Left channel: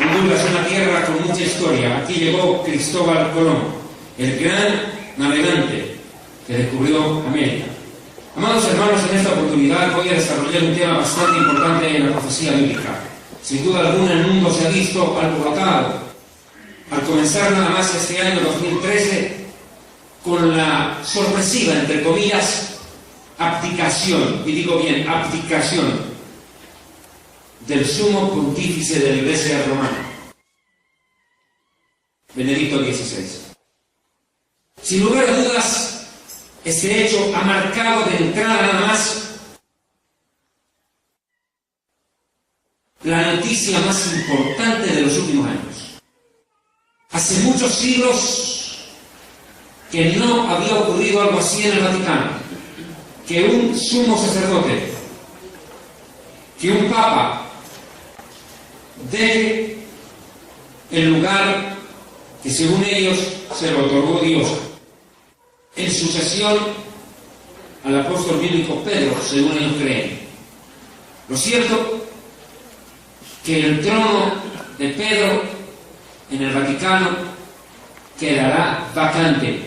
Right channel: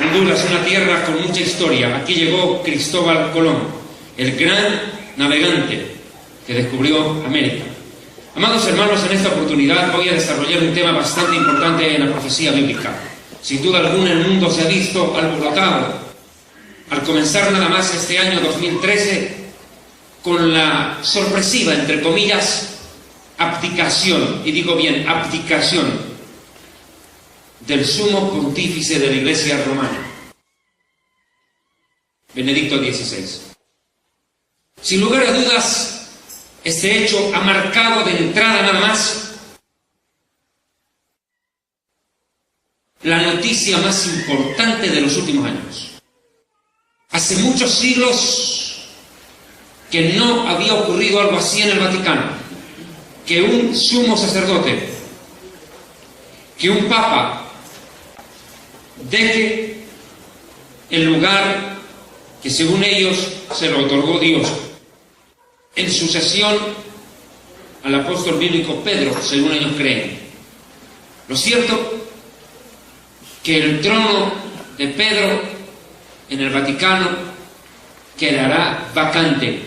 Honduras es una tierra con mucha historia. Aquí llegó Cristóbal Colón, el gran navegante que descubrió América. Amados hermanos, en esta oportunidad voy a desarrollar un tema bastante importante en la profecía bíblica. Sin duda alguna el mundo se ha visto alborotado al comenzar nada más este año 2013 con la sorpresiva, entre comillas, abdicación, y digo bien, abdicación del sumo pontífice de la Iglesia romana, Benedicto XVI. Sin lugar a dudas, este hecho ha marcado de entrada nada más la noticia más importante de los últimos años. Hace muchos siglos que no había ocurrido algo así en el Vaticano, que un sumo sacerdote, que un papa deje el lugar que según ellos se lo otorgó Dios en sucesión al apóstol bíblico Pedro, según ellos creen. Lo cierto que el trono de Pedro en el Vaticano quedará vacante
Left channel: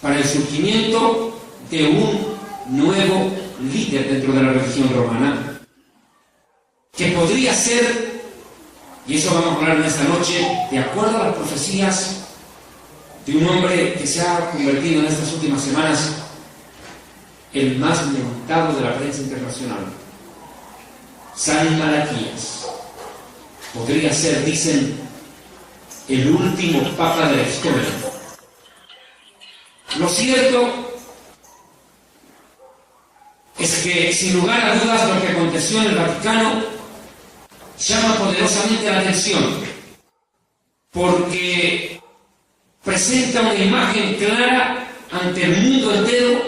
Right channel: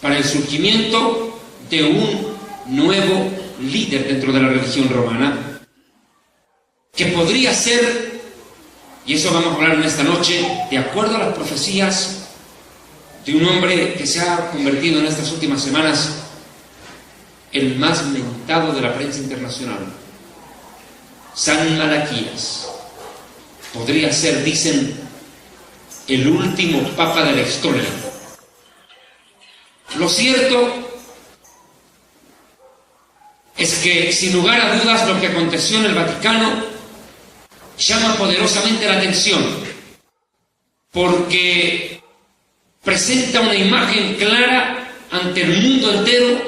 para el surgimiento de un nuevo líder dentro de la religión romana, que podría ser, y eso vamos a hablar en esta noche, de acuerdo a las profecías de un hombre que se ha convertido en estas últimas semanas el más mentado de la prensa internacional, San Malaquías. Podría ser, dicen, el último papa de la historia. Lo cierto es que, sin lugar a dudas, lo que aconteció en el Vaticano llama poderosamente la atención, porque presenta una imagen clara ante el mundo entero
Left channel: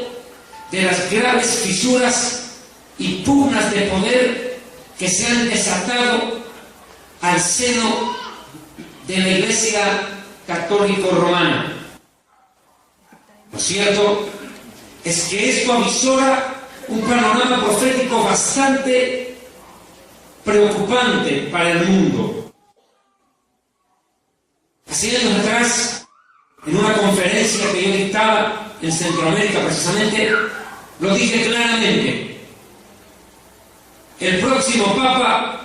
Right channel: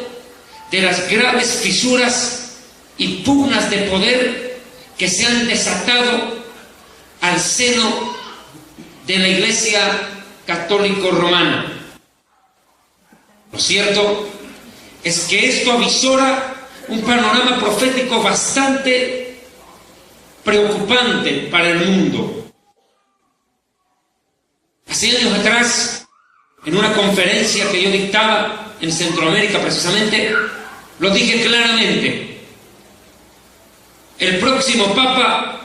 de las graves fisuras y pugnas de poder que se han desatado al seno de la Iglesia católico romana. Lo cierto es que esto avisora un panorama profético bastante preocupante para el mundo. Hace años atrás, en una conferencia que yo dictaba en Centroamérica precisamente, lo dije claramente: el próximo Papa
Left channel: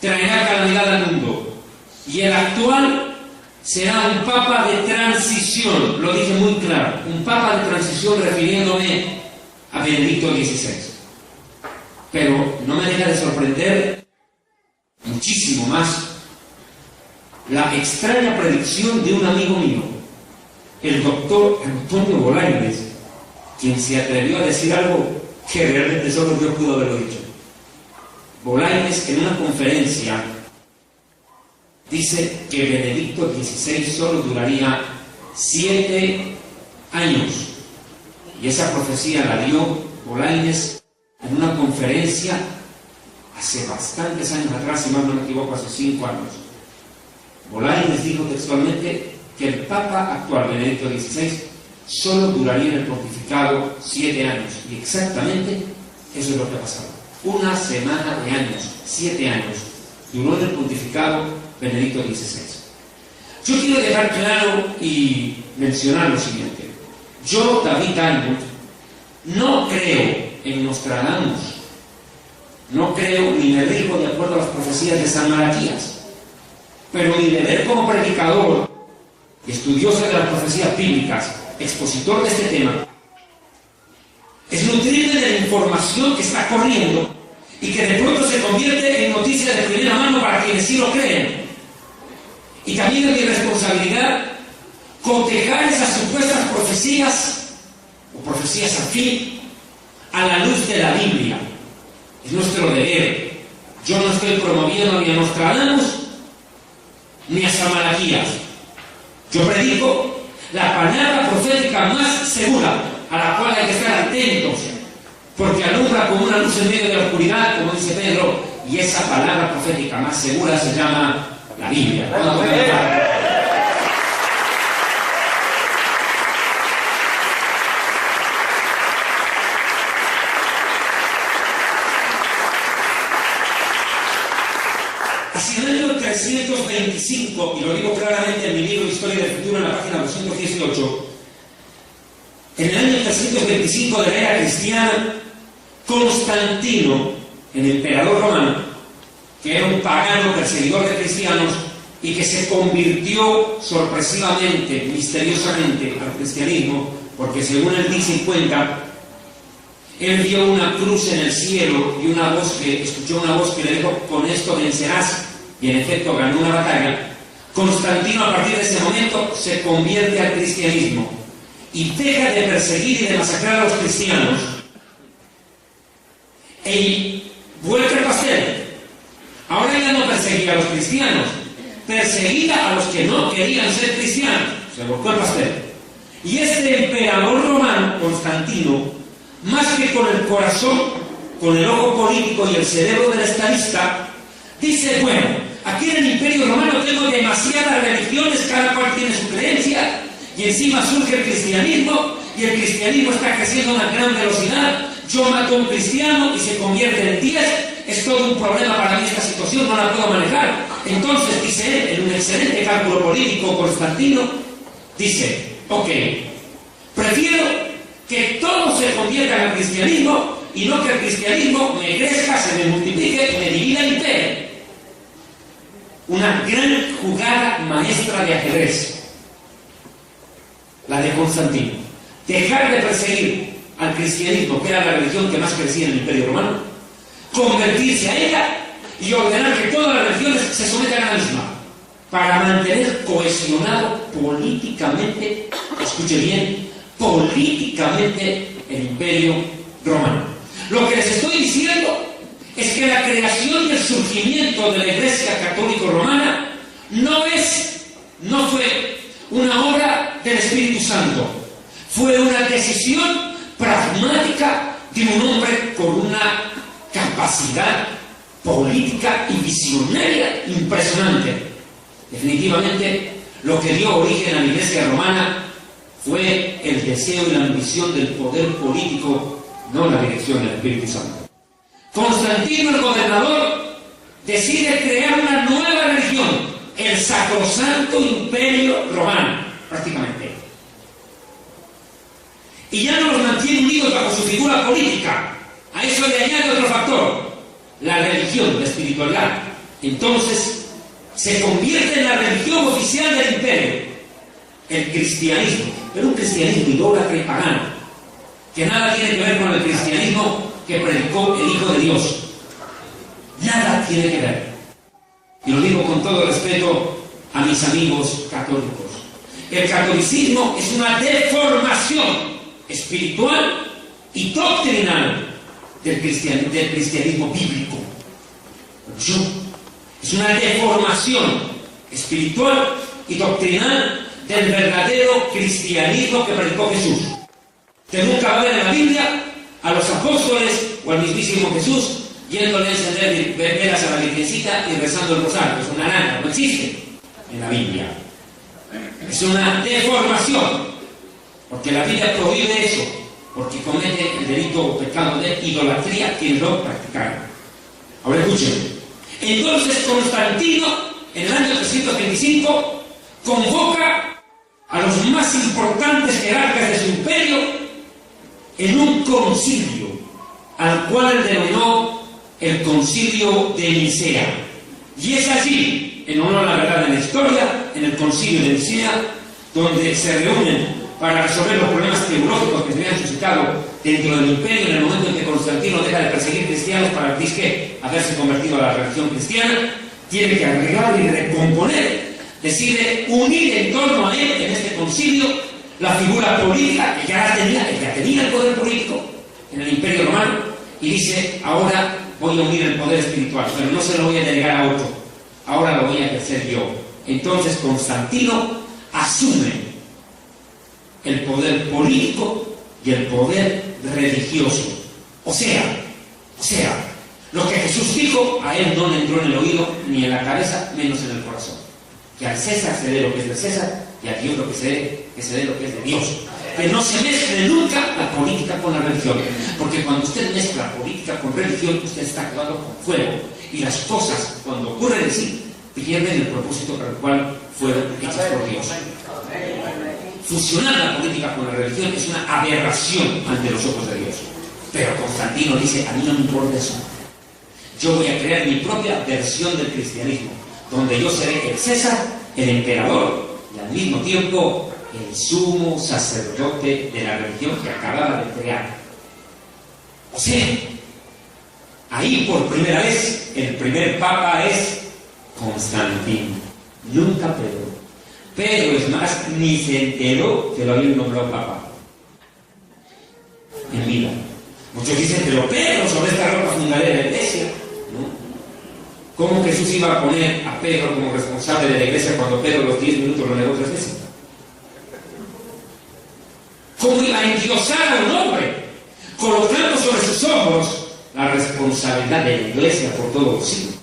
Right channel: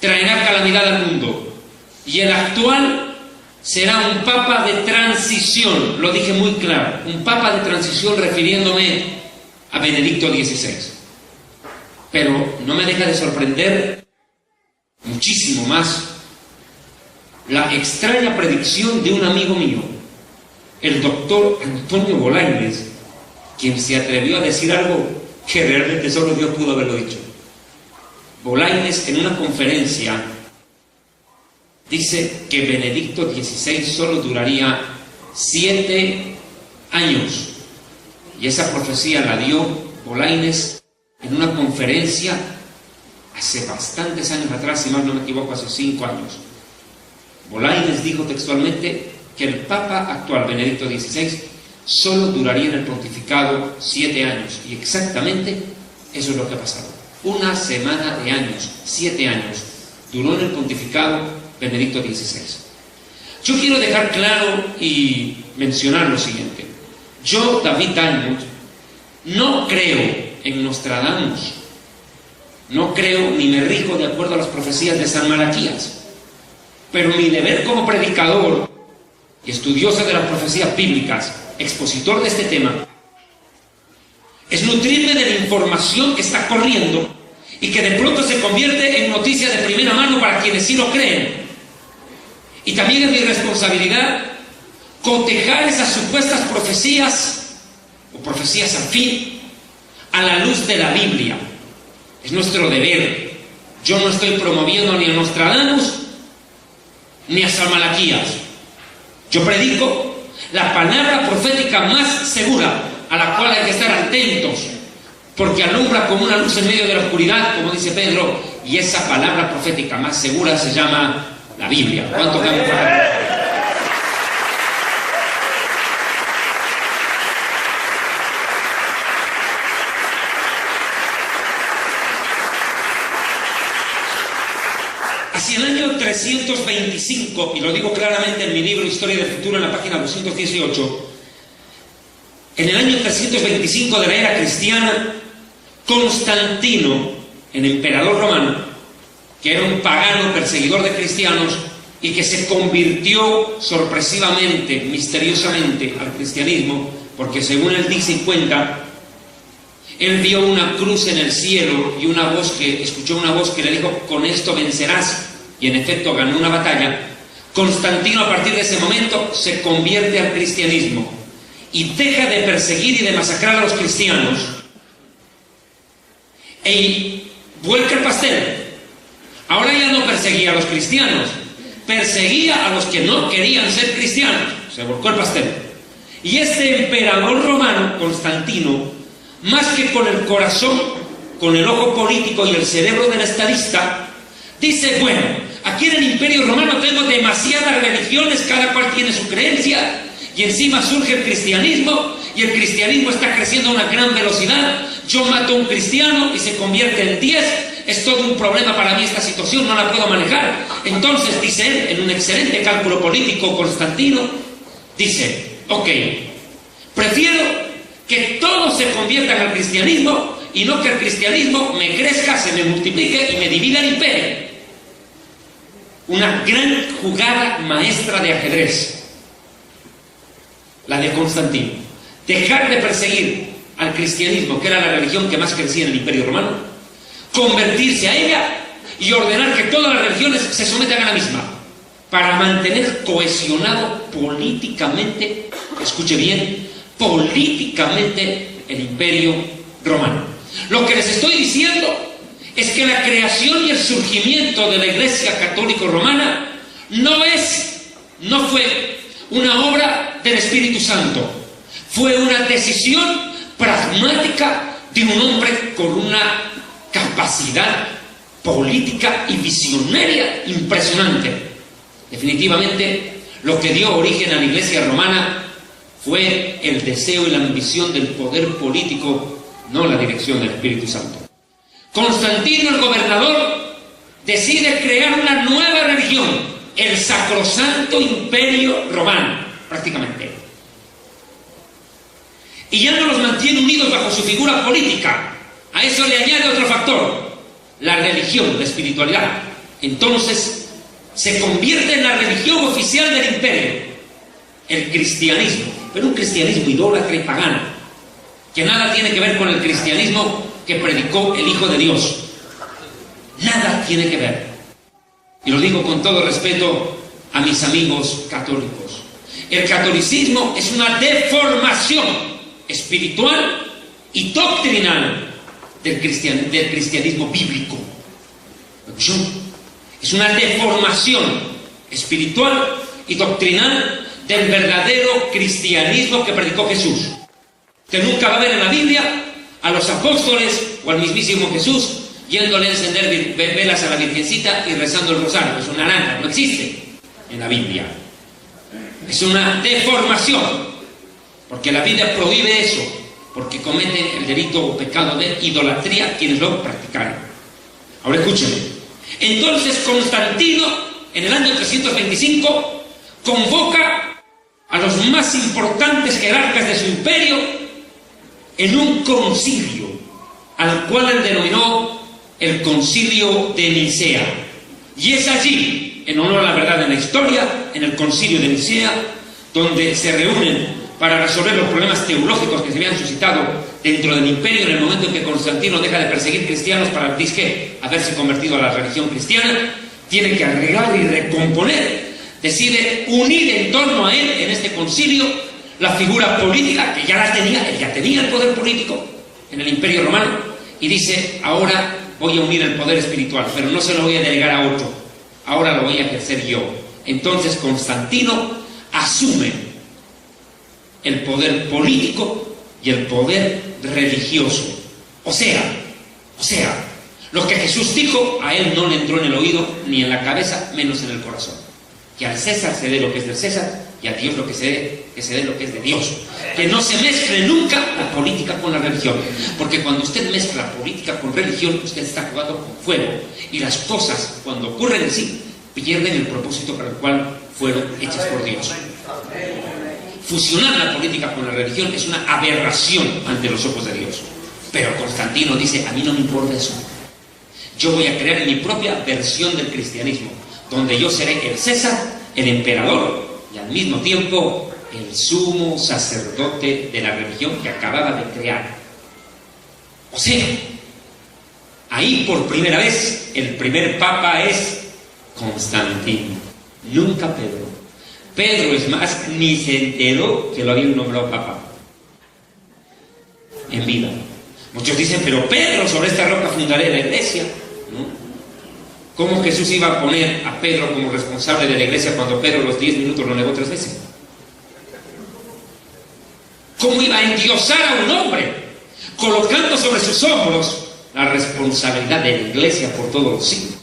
traerá calamidad al mundo, y el actual será un Papa de transición. Lo dije muy claro, un Papa de transición, refiriéndome a Benedicto XVI. Pero no me deja de sorprender muchísimo más la extraña predicción de un amigo mío, el doctor Antonio Bolaños, quien se atrevió a decir algo que realmente solo Dios pudo haberlo dicho. Bolaños, en una conferencia, dice que Benedicto XVI solo duraría 7 años. Y esa profecía la dio Bolaños en una conferencia hace bastantes años atrás, si más no me equivoco, hace 5 años. Bolaños dijo textualmente que el Papa actual, Benedicto XVI, solo duraría en el pontificado 7 años. Y exactamente eso es lo que ha pasado. Una semana de años, 7 años, duró en el pontificado Benedicto XVI. Yo quiero dejar claro y mencionar lo siguiente. Yo, David Diamond, no creo en Nostradamus, no creo ni me rijo de acuerdo a las profecías de San Malaquías, pero mi deber como predicador y estudioso de las profecías bíblicas, expositor de este tema, es nutrirme de la información que está corriendo y que de pronto se convierte en noticia de primera mano para quienes sí lo creen. Y también es mi responsabilidad cotejar esas supuestas profecías o profecías afín a la luz de la Biblia. Es nuestro deber. Yo no estoy promoviendo ni a Nostradamus ni a San Malaquías. Yo predico la palabra profética más segura, a la cual hay que estar atentos, porque alumbra como una luz en medio de la oscuridad, como dice Pedro, y esa palabra profética más segura se llama la Biblia. ¿Cuánto me han hacia el año 325, y lo digo claramente en mi libro Historia del Futuro, en la página 218, en el año 325 de la era cristiana, Constantino, el emperador romano, que era un pagano perseguidor de cristianos y que se convirtió sorpresivamente, misteriosamente al cristianismo, porque según él dice y cuenta, él vio una cruz en el cielo y escuchó una voz que le dijo: con esto vencerás, y en efecto ganó una batalla. Constantino, a partir de ese momento, se convierte al cristianismo y deja de perseguir y de masacrar a los cristianos e vuelca el pastel. Ahora ya no perseguía a los cristianos, perseguía a los que no querían ser cristianos. Se volcó el pastel. Y este emperador romano, Constantino, más que con el corazón, con el ojo político y el cerebro del estadista, dice: bueno, aquí en el Imperio Romano tengo demasiadas religiones, cada cual tiene su creencia, y encima surge el cristianismo, y el cristianismo está creciendo a una gran velocidad. Yo mato a un cristiano y se convierte en 10, es todo un problema para mí esta situación, no la puedo manejar. Entonces, dice él, en un excelente cálculo político, Constantino dice: ok, prefiero que todos se conviertan al cristianismo y no que el cristianismo me crezca, se me multiplique y me divida el imperio. Una gran jugada maestra de ajedrez, la de Constantino. Dejar de perseguir al cristianismo, que era la religión que más crecía en el Imperio Romano, convertirse a ella y ordenar que todas las religiones se sometan a la misma, para mantener cohesionado políticamente, escuche bien, políticamente el Imperio Romano. Lo que les estoy diciendo es que la creación y el surgimiento de la Iglesia Católica Romana no fue una obra del Espíritu Santo, fue una decisión pragmática de un hombre con una capacidad política y visionaria impresionante. Definitivamente, lo que dio origen a la Iglesia romana fue el deseo y la ambición del poder político, no la dirección del Espíritu Santo. Constantino, el gobernador, decide crear una nueva religión, el Sacrosanto Imperio Romano, prácticamente. Y ya no los mantiene unidos bajo su figura política. A eso le añade otro factor: la religión, la espiritualidad. Entonces se convierte en la religión oficial del imperio, el cristianismo, pero un cristianismo idólatra y pagano, que nada tiene que ver con el cristianismo que predicó el Hijo de Dios. Nada tiene que ver. Y lo digo con todo respeto a mis amigos católicos. El catolicismo es una deformación espiritual y doctrinal del cristianismo bíblico. Es una deformación espiritual y doctrinal del verdadero cristianismo que predicó Jesús. Que nunca va a ver en la Biblia a los apóstoles o al mismísimo Jesús yéndole a encender velas a la Virgencita y rezando el rosario. Es una nada, no existe en la Biblia. Es una deformación, porque la Biblia prohíbe eso, porque cometen el delito o pecado de idolatría quienes lo practicaron. Ahora escuchen. Entonces Constantino, en el año 325, convoca a los más importantes jerarcas de su imperio en un concilio, al cual él denominó el Concilio de Nicea. Y es allí, en honor a la verdad de la historia, en el Concilio de Nicea, donde se reúnen para resolver los problemas teológicos que se habían suscitado dentro del imperio en el momento en que Constantino deja de perseguir cristianos para haberse convertido a la religión cristiana. Tiene que arreglar y recomponer. Decide unir en torno a él, en este concilio, la figura política que ya tenía el poder político en el Imperio Romano, y dice: ahora voy a unir el poder espiritual, pero no se lo voy a delegar a otro, ahora lo voy a ejercer yo. Entonces Constantino asume el poder político y el poder religioso. O sea, lo que Jesús dijo, a él no le entró en el oído ni en la cabeza, menos en el corazón. Que al César se dé lo que es del César, y a Dios lo que se dé lo que es de Dios. que no se mezcle nunca la política con la religión, porque cuando usted mezcla política con religión, usted está jugando con fuego, y las cosas, cuando ocurren en sí, pierden el propósito para el cual fueron hechas por Dios. Fusionar la política con la religión es una aberración ante los ojos de Dios. Pero Constantino dice, a mí no me importa eso. Yo voy a crear mi propia versión del cristianismo, donde yo seré el César, el emperador, y al mismo tiempo el sumo sacerdote de la religión que acababa de crear. O sea, ahí por primera vez el primer papa es Constantino, nunca Pedro. Pedro, es más, ni se enteró que lo habían nombrado papa en vida. Muchos dicen, pero Pedro, sobre esta roca fundaré la iglesia, ¿no? ¿Cómo Jesús iba a poner a Pedro como responsable de la iglesia cuando Pedro los 10 minutos lo negó 3 veces? ¿Cómo iba a endiosar a un hombre colocando sobre sus hombros la responsabilidad de la iglesia por todos los siglos?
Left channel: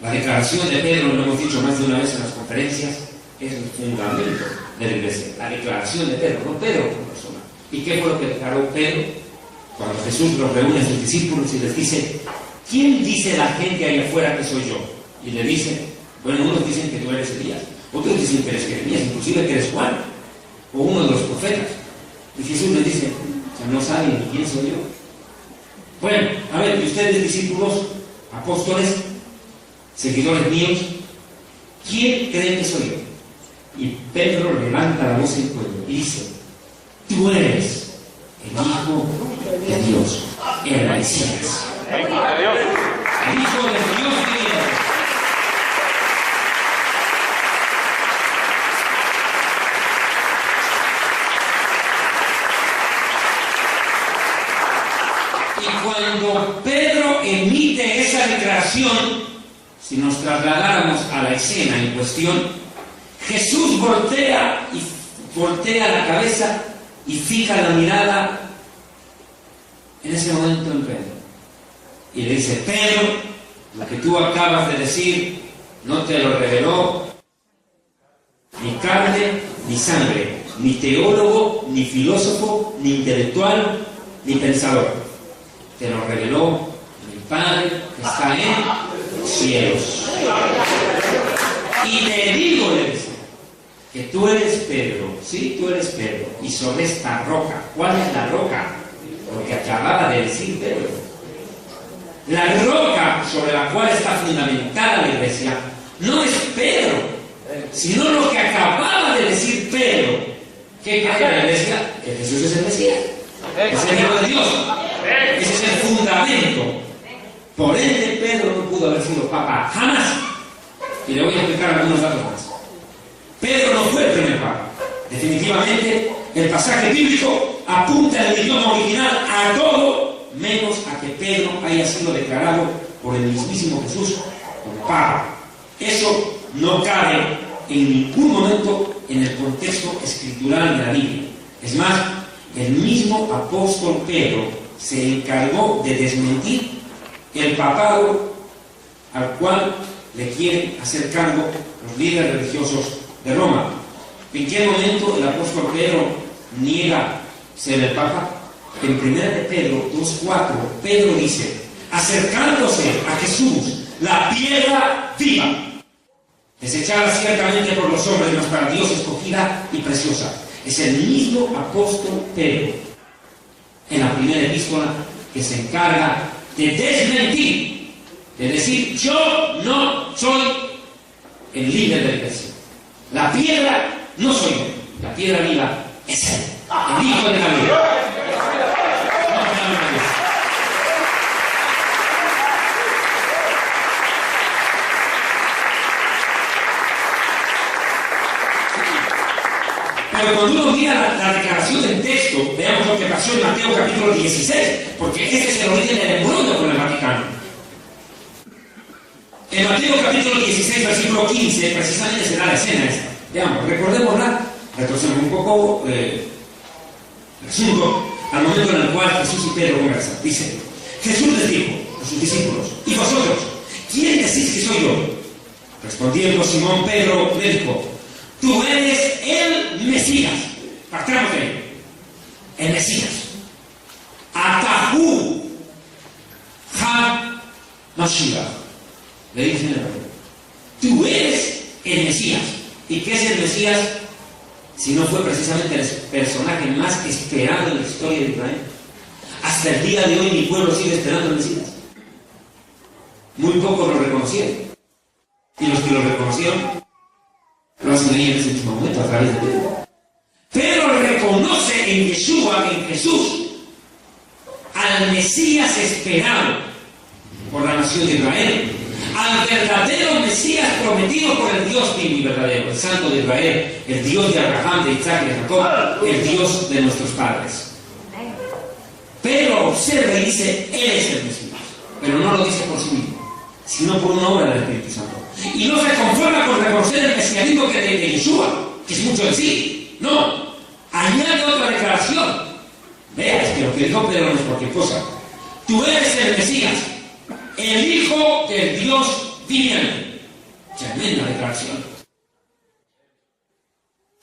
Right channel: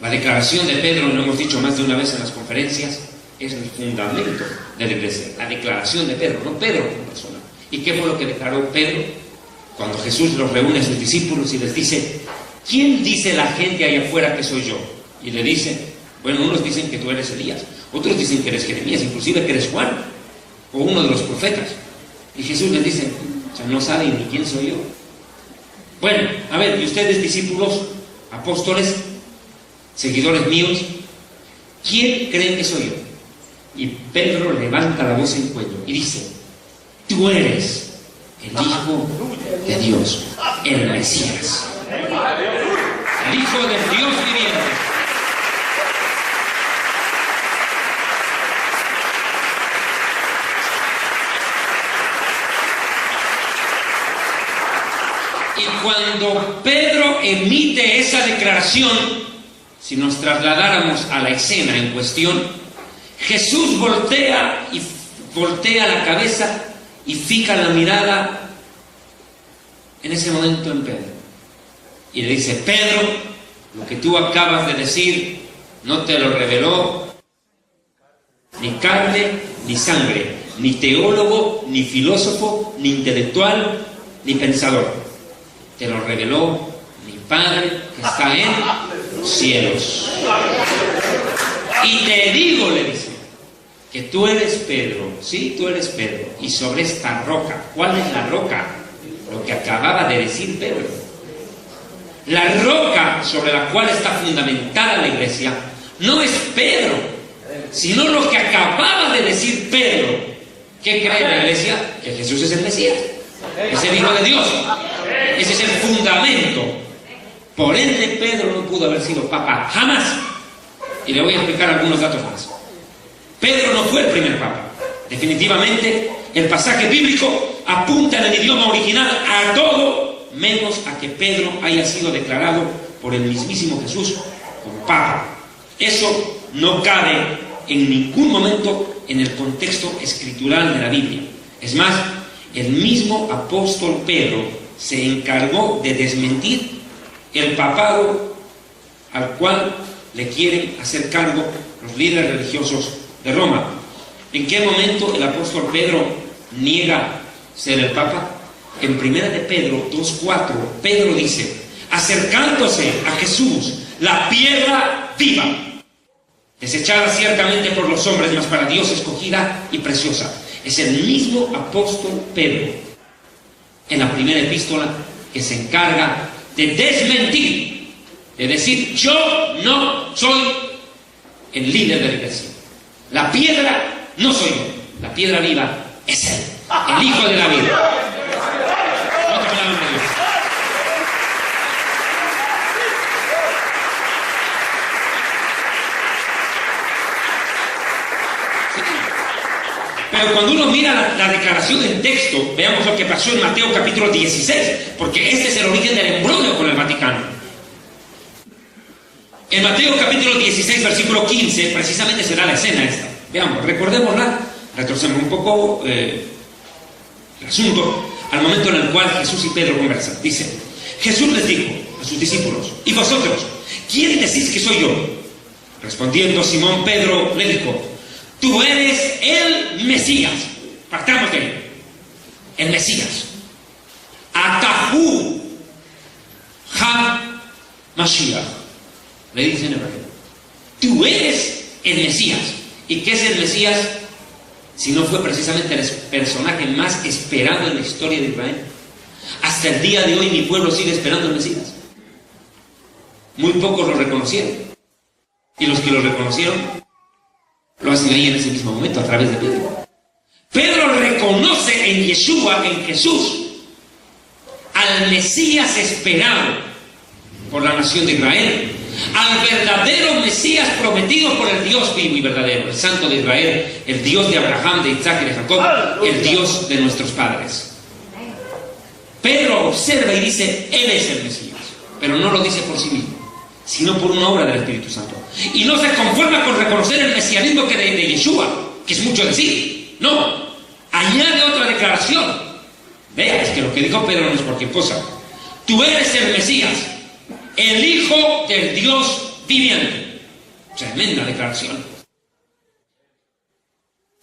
La declaración de Pedro, lo hemos dicho más de una vez en las conferencias, es el fundamento de la iglesia. La declaración de Pedro, no Pedro como persona. ¿Y qué fue lo que declaró Pedro cuando Jesús los reúne a sus discípulos y les dice, ¿quién dice la gente allá afuera que soy yo? Y le dice, bueno, unos dicen que tú eres Elías, otros dicen que eres Jeremías, inclusive que eres Juan, o uno de los profetas. Y Jesús les dice, o sea, no saben ni quién soy yo. Bueno, a ver, y ustedes discípulos, apóstoles, seguidores míos, ¿quién creen que soy yo? Y Pedro levanta la voz en el cuello y dice, tú eres el Hijo de Dios, el Mesías, el Hijo de Dios viviente. Y cuando Pedro emite esa declaración, si nos trasladáramos a la escena en cuestión, Jesús voltea la cabeza y fija la mirada en ese momento en Pedro. Y le dice, Pedro, lo que tú acabas de decir no te lo reveló ni carne ni sangre, ni teólogo, ni filósofo, ni intelectual, ni pensador. Te lo reveló mi Padre que está en los cielos. Y te digo, le dice, que tú eres Pedro, sí, tú eres Pedro, y sobre esta roca, ¿cuál es la roca? Lo que acababa de decir Pedro. La roca sobre la cual está fundamentada la iglesia no es Pedro, sino lo que acababa de decir Pedro. ¿Qué cree la iglesia? Que Jesús es el Mesías, es el Hijo de Dios, ese es el fundamento. Por ende, Pedro no pudo haber sido papa jamás. Y le voy a explicar algunos datos más. Pedro no fue el primer papa. Definitivamente, el pasaje bíblico apunta en el idioma original a todo, menos a que Pedro haya sido declarado por el mismísimo Jesús como papa. Eso no cabe en ningún momento en el contexto escritural de la Biblia. Es más, el mismo apóstol Pedro se encargó de desmentir el papado al cual le quieren hacer cargo los líderes religiosos de Roma. ¿En qué momento el apóstol Pedro niega ser el papa? En 1 de Pedro 2:4, Pedro dice, acercándose a Jesús, la piedra viva, desechada ciertamente por los hombres, mas para Dios escogida y preciosa. Es el mismo apóstol Pedro, en la primera epístola, que se encarga de desmentir, de decir, yo no soy el líder de la iglesia. La piedra no soy yo, la piedra viva es él, el Hijo de la vida. Pero cuando uno mira la declaración en texto, veamos lo que pasó en Mateo capítulo 16, porque ese es el origen del embrollo con el Vaticano. En Mateo capítulo 16, versículo 15, precisamente se da la escena esta. Veamos, recordémosla, retrocedemos un poco el asunto al momento en el cual Jesús y Pedro conversan. Dice, Jesús les dijo a sus discípulos, ¿y vosotros? ¿Quién decís que soy yo? Respondiendo Simón Pedro le dijo, Tú eres el Mesías. Partamos de él. El Mesías. Atahu Ha-Mashiach. Le dicen en hebreo. Tú eres el Mesías. ¿Y qué es el Mesías? Si no fue precisamente el personaje más esperado en la historia de Israel. Hasta el día de hoy mi pueblo sigue esperando el Mesías. Muy pocos lo reconocieron. Y los que lo reconocieron lo hacen ahí en ese mismo momento, a través de Pedro. Pedro reconoce en Yeshua, en Jesús, al Mesías esperado por la nación de Israel, al verdadero Mesías prometido por el Dios vivo y verdadero, el Santo de Israel, el Dios de Abraham, de Isaac y de Jacob, el Dios de nuestros padres. Pedro observa y dice, Él es el Mesías, pero no lo dice por sí mismo, sino por una obra del Espíritu Santo. Y no se conforma con reconocer el mesianismo que de Yeshua, que es mucho decir. No, añade otra declaración. Vea, es que lo que dijo Pedro no es cualquier cosa. Tú eres el Mesías, el Hijo del Dios viviente. Tremenda declaración.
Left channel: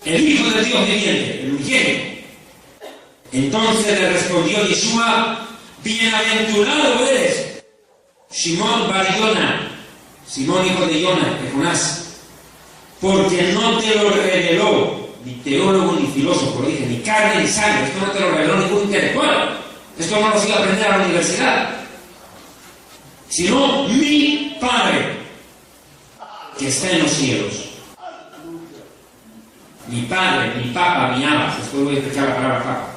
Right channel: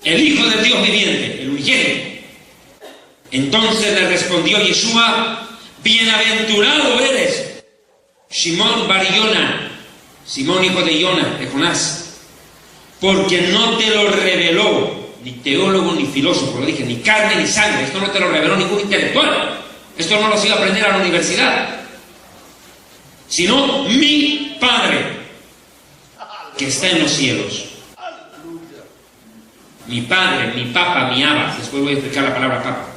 El Hijo del Dios viviente, el unigénito. Entonces le respondió Yeshua, bienaventurado eres, Simón bar Yona, Simón hijo de Yona, de Jonás, porque no te lo reveló ni teólogo ni filósofo, lo dije, ni carne ni sangre. Esto no te lo reveló ningún intelectual. Esto no lo has ido a aprender a la universidad, sino mi Padre que está en los cielos. Mi Padre, mi Papa, mi Abba. Después voy a explicar la palabra Papa.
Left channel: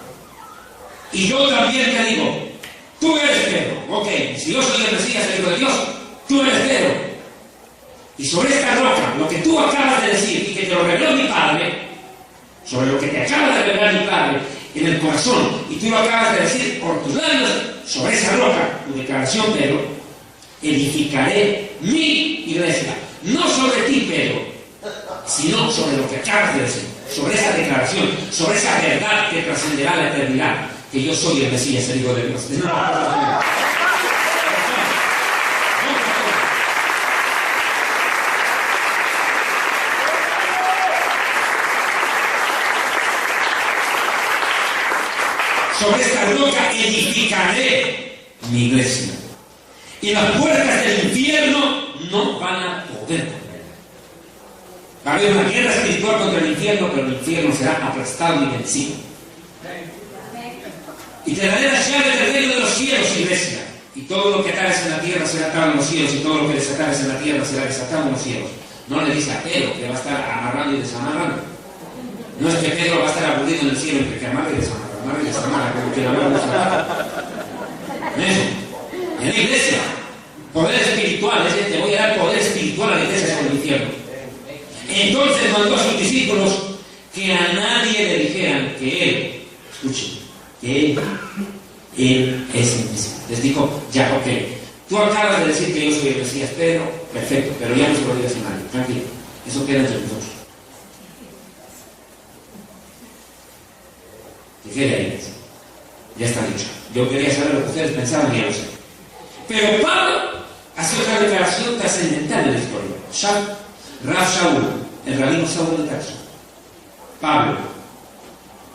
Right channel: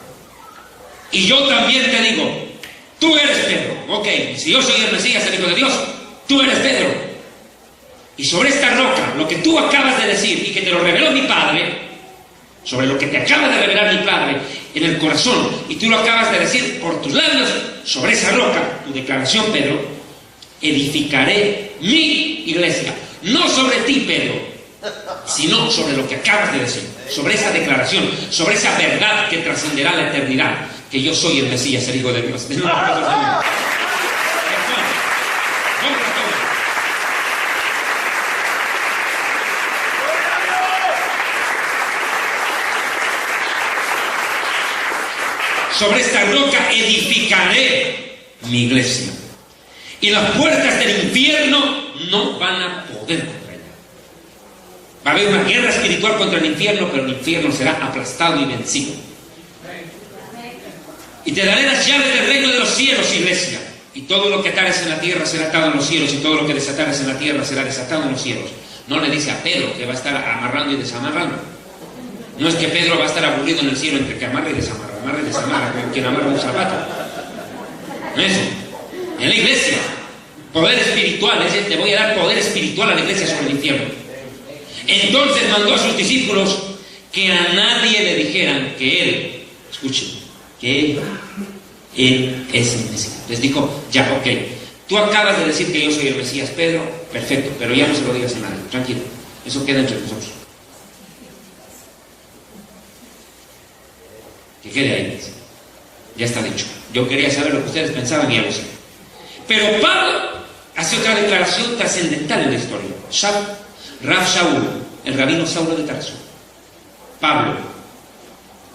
Y yo también te digo, tú eres Pedro. Ok, si yo soy el Mesías, el Hijo de Dios, tú eres Pedro. Y sobre esta roca, lo que tú acabas de decir y que te lo reveló mi Padre, sobre lo que te acaba de revelar mi Padre en el corazón, y tú lo acabas de decir por tus labios, sobre esa roca, tu declaración, Pedro, edificaré mi iglesia. No sobre ti, Pedro, sino sobre lo que acabas de decir, sobre esa declaración, sobre esa verdad que trascenderá la eternidad, que yo soy el Mesías, el Hijo de Dios. Sobre esta roca edificaré mi iglesia. Y las puertas del infierno no van a poder contra ella. Va a haber una guerra espiritual contra el infierno, pero el infierno será aplastado y vencido. Y te daré las llaves del reino de los cielos, iglesia. Y todo lo que atares en la tierra será atado en los cielos, y todo lo que desatares en la tierra será desatado en los cielos. No le dice a Pedro que va a estar amarrando y desamarrando. No es que Pedro va a estar aburrido en el cielo entre que amarra y desamarra. Amarra y desamarra, como quien amarra un zapato. ¿No es eso? En la iglesia, poder espiritual, es decir, te voy a dar poder espiritual a la iglesia sobre el infierno. Entonces mandó a sus discípulos que a nadie le dijeran que él, escuchen, que él es el Mesías. Les dijo, ya, ok, tú acabas de decir que yo soy el Mesías, Pedro, perfecto, pero ya no se lo digas a nadie, tranquilo, eso queda entre nosotros. Que quede ahí, ya está dicho. Yo quería saber lo que ustedes pensaban y ya lo sé. Pero Pablo hace otra declaración trascendental en la historia. Rav Shaul, el rabino Saulo de Tarso. Pablo,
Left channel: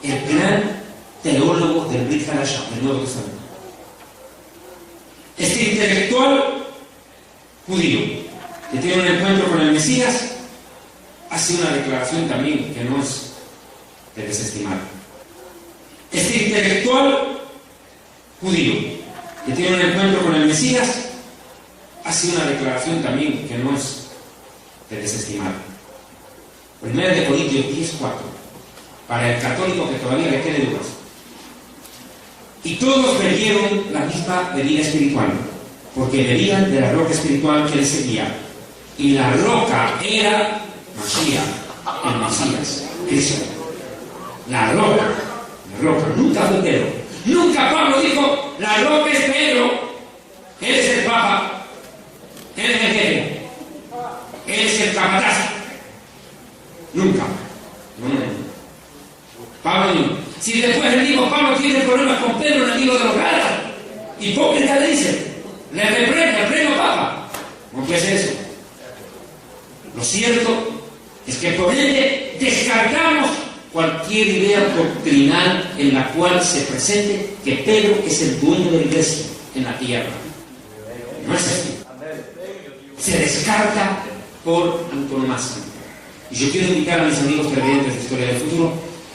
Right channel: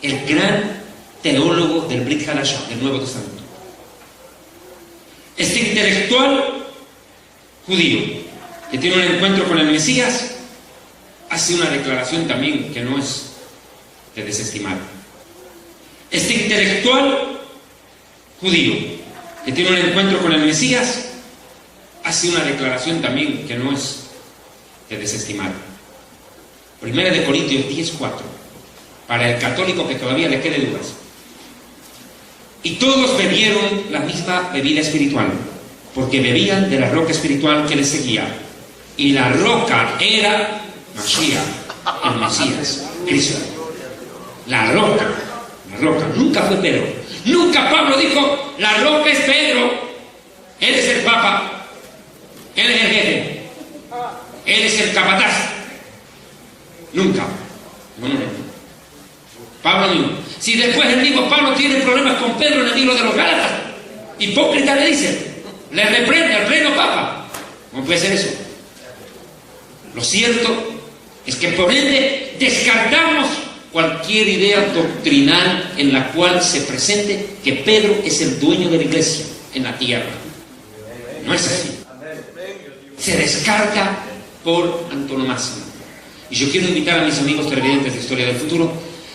el gran teólogo del Brit Hadashah, del Nuevo Testamento. Este intelectual judío que tiene un encuentro con el Mesías hace una declaración también que no es de desestimar. Este intelectual judío que tiene un encuentro con el Mesías hace una declaración también que no es de desestimar. 1 Corintios 10:4, para el católico que todavía le quede dudas. Y todos bebieron la misma bebida espiritual, porque bebían de la roca espiritual que les seguía. Y la roca era Mashiach, el Mesías, Cristo. La roca, nunca fue Pedro. Nunca Pablo dijo, la roca es Pedro, él es el Papa, él es el jefe, él es el capataz. Nunca. No. Pablo dijo, si después el mismo Pablo tiene problemas con Pedro en el libro de los Gálatas, hipócrita le dice, le reprende al pleno Papa. No puede ser eso. Lo cierto Es que por ende descartamos cualquier idea doctrinal en la cual se presente que Pedro es el dueño de la iglesia en la tierra. No es así. Se descarta por antonomasia. Y yo quiero invitar a mis amigos televidentes de Historia del Futuro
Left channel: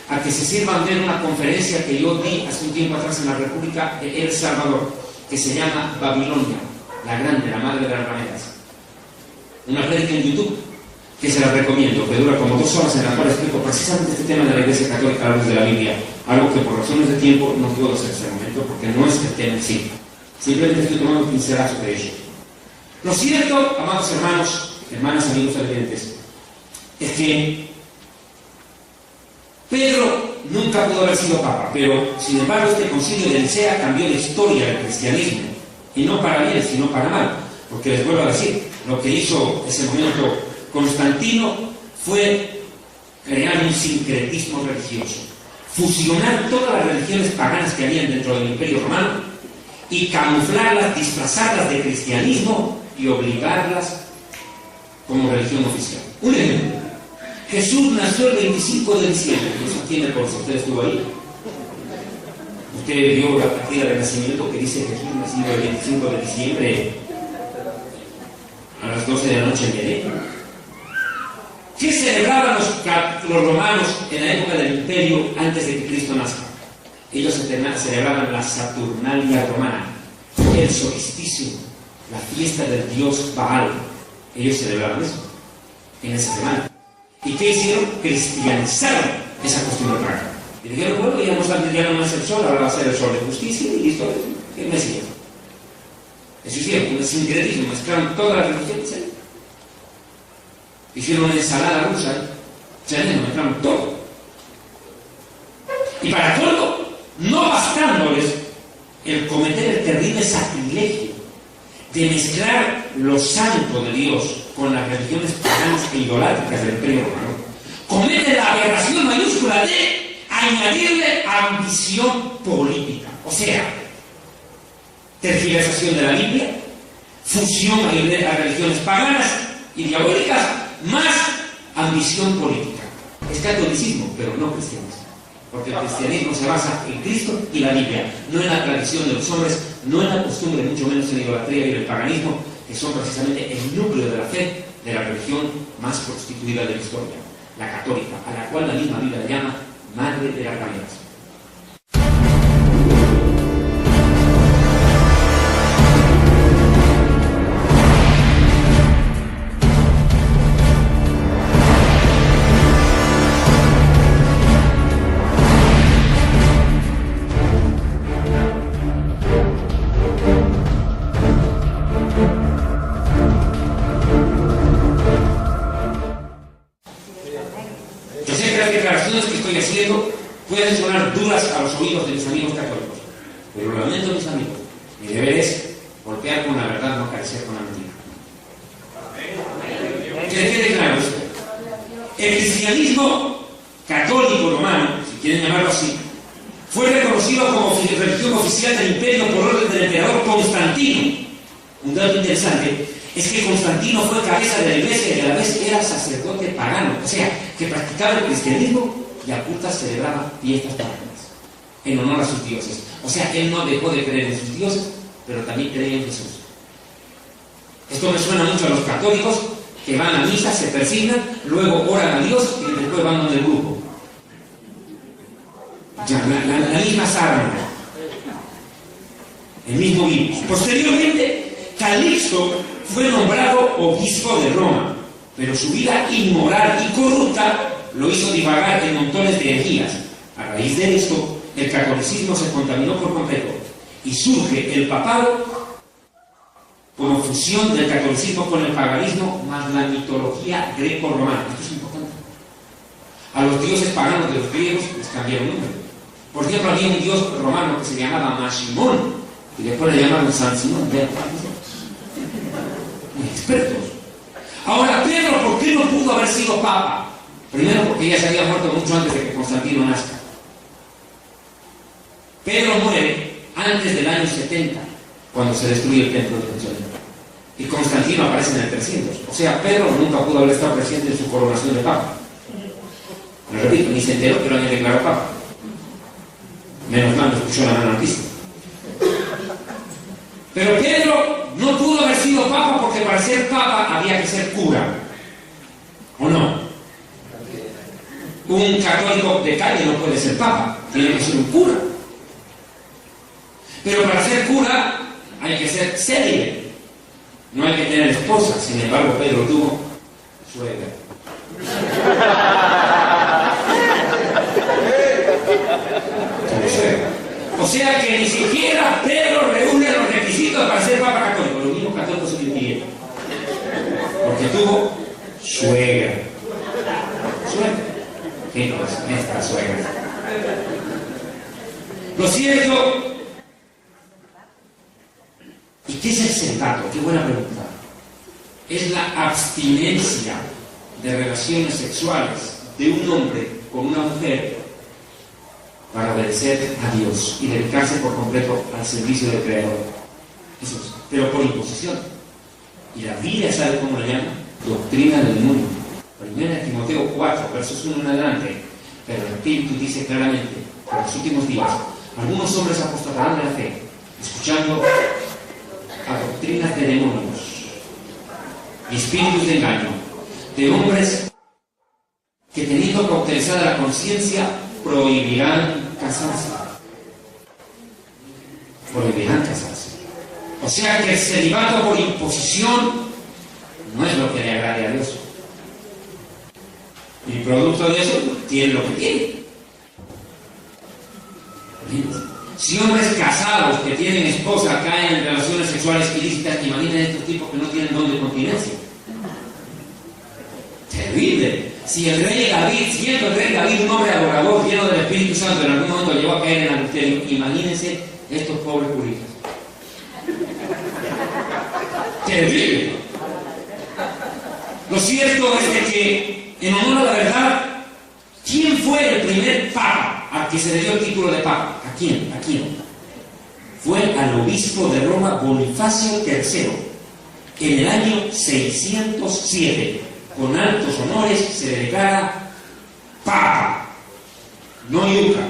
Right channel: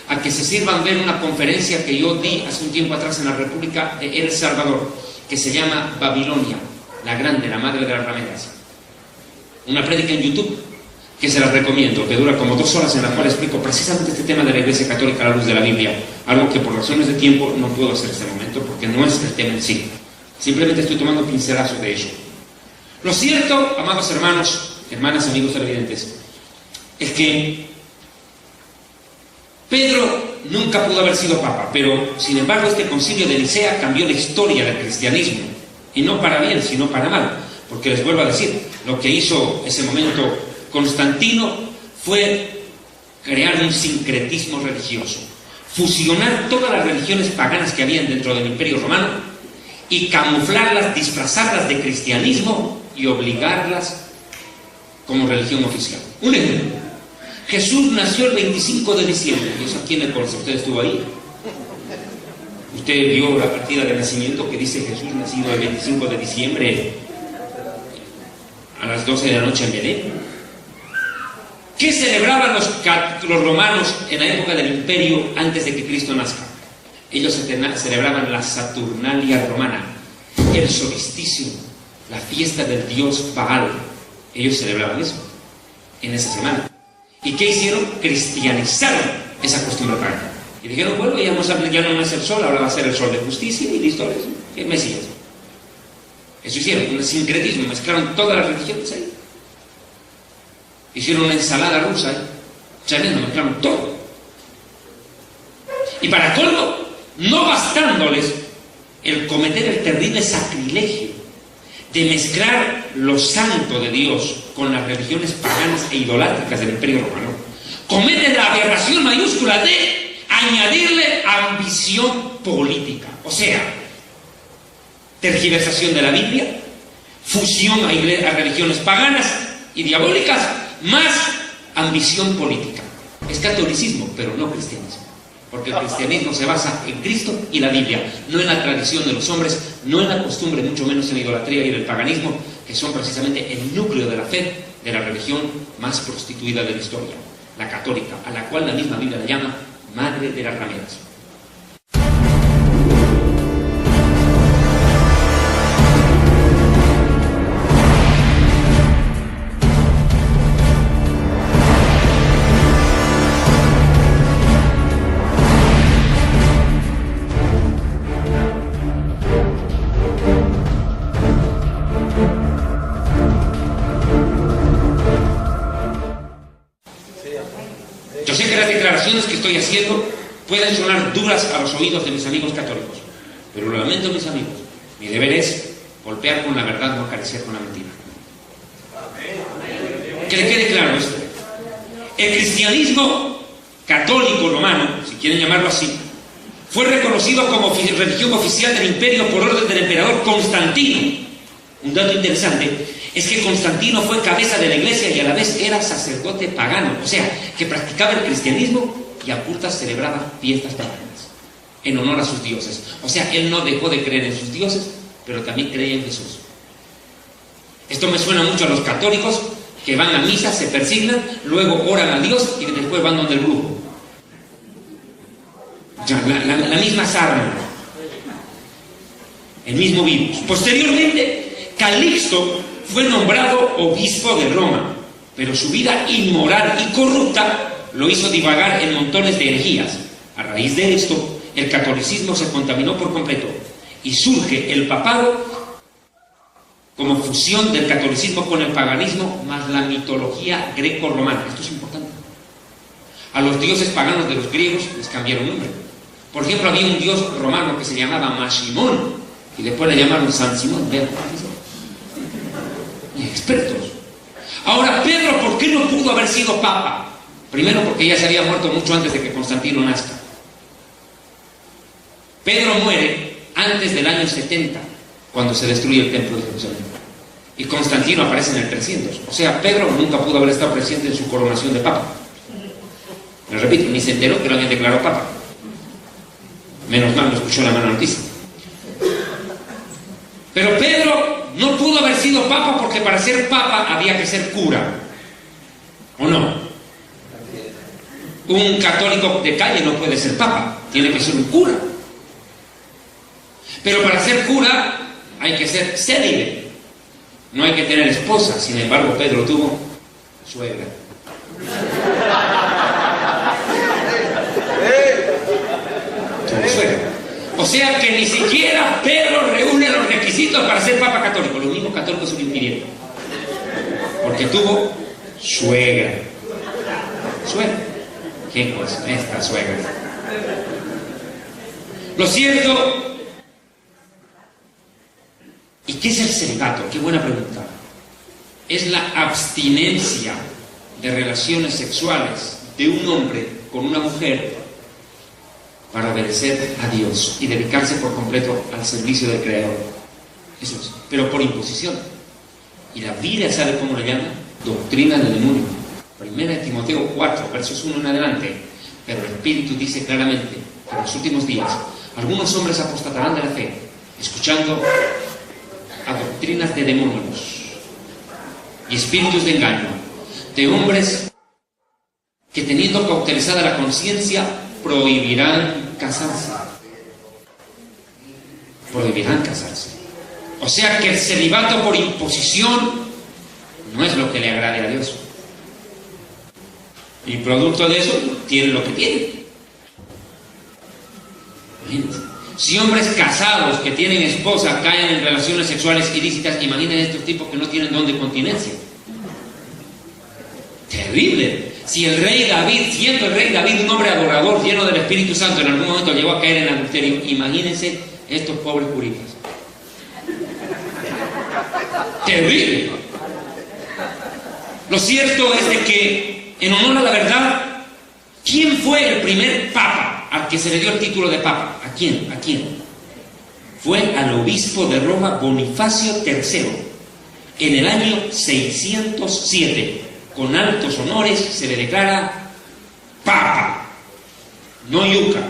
a que se sirvan ver una conferencia que yo di hace un tiempo atrás en la República de El Salvador, que se llama Babilonia, la grande, la madre de las rameras. Una prédica en YouTube que se la recomiendo, que dura como 2 horas, en la cual explico precisamente este tema de la Iglesia Católica a la luz de la Biblia, algo que por razones de tiempo no puedo hacer en este momento porque no es el tema en sí. Simplemente estoy tomando pincelazos de ello. Lo cierto, amados hermanos, hermanas, amigos televidentes, es que Pedro nunca pudo haber sido papa, pero sin embargo este concilio de Nicea cambió la historia del cristianismo, y no para bien, sino para mal, porque les vuelvo a decir, lo que hizo ese momento Constantino fue crear un sincretismo religioso, fusionar todas las religiones paganas que habían dentro del Imperio Romano y camuflarlas, disfrazarlas de cristianismo y obligarlas como religión oficial. Un ejemplo: Jesús nació el 25 de diciembre. Eso aquí me consta, usted estuvo ahí. Usted vio la partida de nacimiento que dice Jesús nacido el 25 de diciembre a las 12 de la noche en Belén. ¿Qué celebraban los romanos en la época del imperio antes de que Cristo nazca? Ellos celebraban la Saturnalia romana, el solsticio, la fiesta del dios Baal. Ellos celebraban eso en esa semana. ¿Y qué hicieron? Cristianizaron esa costumbre pagana. Y dijeron, bueno, ya no es el sol, ahora va a ser el sol de justicia y listo, es el Mesías. Eso hicieron, un sincretismo, mezclaron todas las religiones ahí. Hicieron una ensalada rusa ahí, tremendo, mezclaron todo. Y para colmo, no bastándoles el cometer el terrible sacrilegio de mezclar lo santo de Dios con las religiones paganas e idolátricas del Imperio Romano, cometen la aberración mayúscula de añadirle ambición política. O sea, tergiversación de la Biblia, fusión a religiones paganas y diabólicas, más ambición política. Es catolicismo, pero no cristianismo. Porque el cristianismo se basa en Cristo y la Biblia, no en la tradición de los hombres, no en la costumbre, mucho menos en la idolatría y en el paganismo, que son precisamente el núcleo de la fe de la religión más prostituida de la historia, la católica, a la cual la misma Biblia la llama madre de las rameras. Pueden sonar duras a los oídos de mis amigos católicos, pero lo lamento, mis amigos, mi deber es golpear con la verdad, no acariciar con la mentira. Que le quede claro esto: el cristianismo católico romano, si quieren llamarlo así, fue reconocido como religión oficial del imperio por orden del emperador Constantino. Un dato interesante es que Constantino fue cabeza de la iglesia y a la vez era sacerdote pagano, o sea, que practicaba el cristianismo y a puertas celebraba fiestas paganas en honor a sus dioses. O sea, él no dejó de creer en sus dioses, pero también creía en Jesús. Esto me suena mucho a los católicos que van a misa, se persignan, luego oran a Dios y después van donde el grupo. Ya, la misma sarna, el mismo virus. Posteriormente, Calixto fue nombrado obispo de Roma, pero su vida inmoral y corrupta lo hizo divagar en montones de herejías. A raíz de esto, el catolicismo se contaminó por completo y surge el papado como fusión del catolicismo con el paganismo más la mitología greco-romana. Esto es importante. A los dioses paganos de los griegos les cambiaron nombre. Por ejemplo, había un dios romano que se llamaba Maximón y después le llamaron San Simón. Expertos. Ahora, Pedro, ¿por qué no pudo haber sido papa? Primero, porque ya se había muerto mucho antes de que Constantino nazca. Pedro muere antes del año 70, cuando se destruye el templo de Jerusalén. y Constantino aparece en el 300. O sea, Pedro nunca pudo haber estado presente en su coronación de papa. Me repito, ni se enteró que lo habían declarado papa. Menos mal, lo escuchó en la mano noticia. Pero Pedro no pudo haber sido papa porque para ser papa había que ser cura. ¿O no? Un católico de calle no puede ser papa, tiene que ser un cura. Pero para ser cura hay que ser célibe. No hay que tener esposa. Sin embargo, Pedro tuvo suegra. Tuvo suegra. O sea que ni siquiera Pedro reúne los requisitos para ser papa católico. Los mismos católicos se lo impidieron. Porque tuvo suegra. Suegra. ¿Qué cosa es esta suegra? Lo cierto. ¿Y qué es el celibato? Qué buena pregunta. Es la abstinencia de relaciones sexuales de un hombre con una mujer para obedecer a Dios y dedicarse por completo al servicio del Creador. Eso es, pero por imposición. Y la Biblia, ¿sabe cómo lo llama? Doctrina del demonio. 1 Timoteo 4, versos 1 en adelante. Pero el Espíritu dice claramente que en los últimos días algunos hombres apostatarán de la fe, escuchando a doctrinas de demonios y espíritus de engaño, de hombres que, teniendo cauterizada la conciencia, prohibirán casarse. Prohibirán casarse. O sea que el celibato por imposición no es lo que le agrade a Dios. Y producto de eso, tienen lo que tienen. Si hombres casados que tienen esposa caen en relaciones sexuales ilícitas, imaginen estos tipos que no tienen don de continencia. Terrible. Si el rey David, siendo el rey David un hombre adorador, lleno del Espíritu Santo, en algún momento llegó a caer en adulterio, imagínense estos pobres curitas. Terrible. Lo cierto es de que, en honor a la verdad, ¿quién fue el primer papa al que se le dio el título de papa? ¿A quién? ¿A quién? Fue al obispo de Roma, Bonifacio III, en el año 607. Con altos honores se le declara papa, no yuca,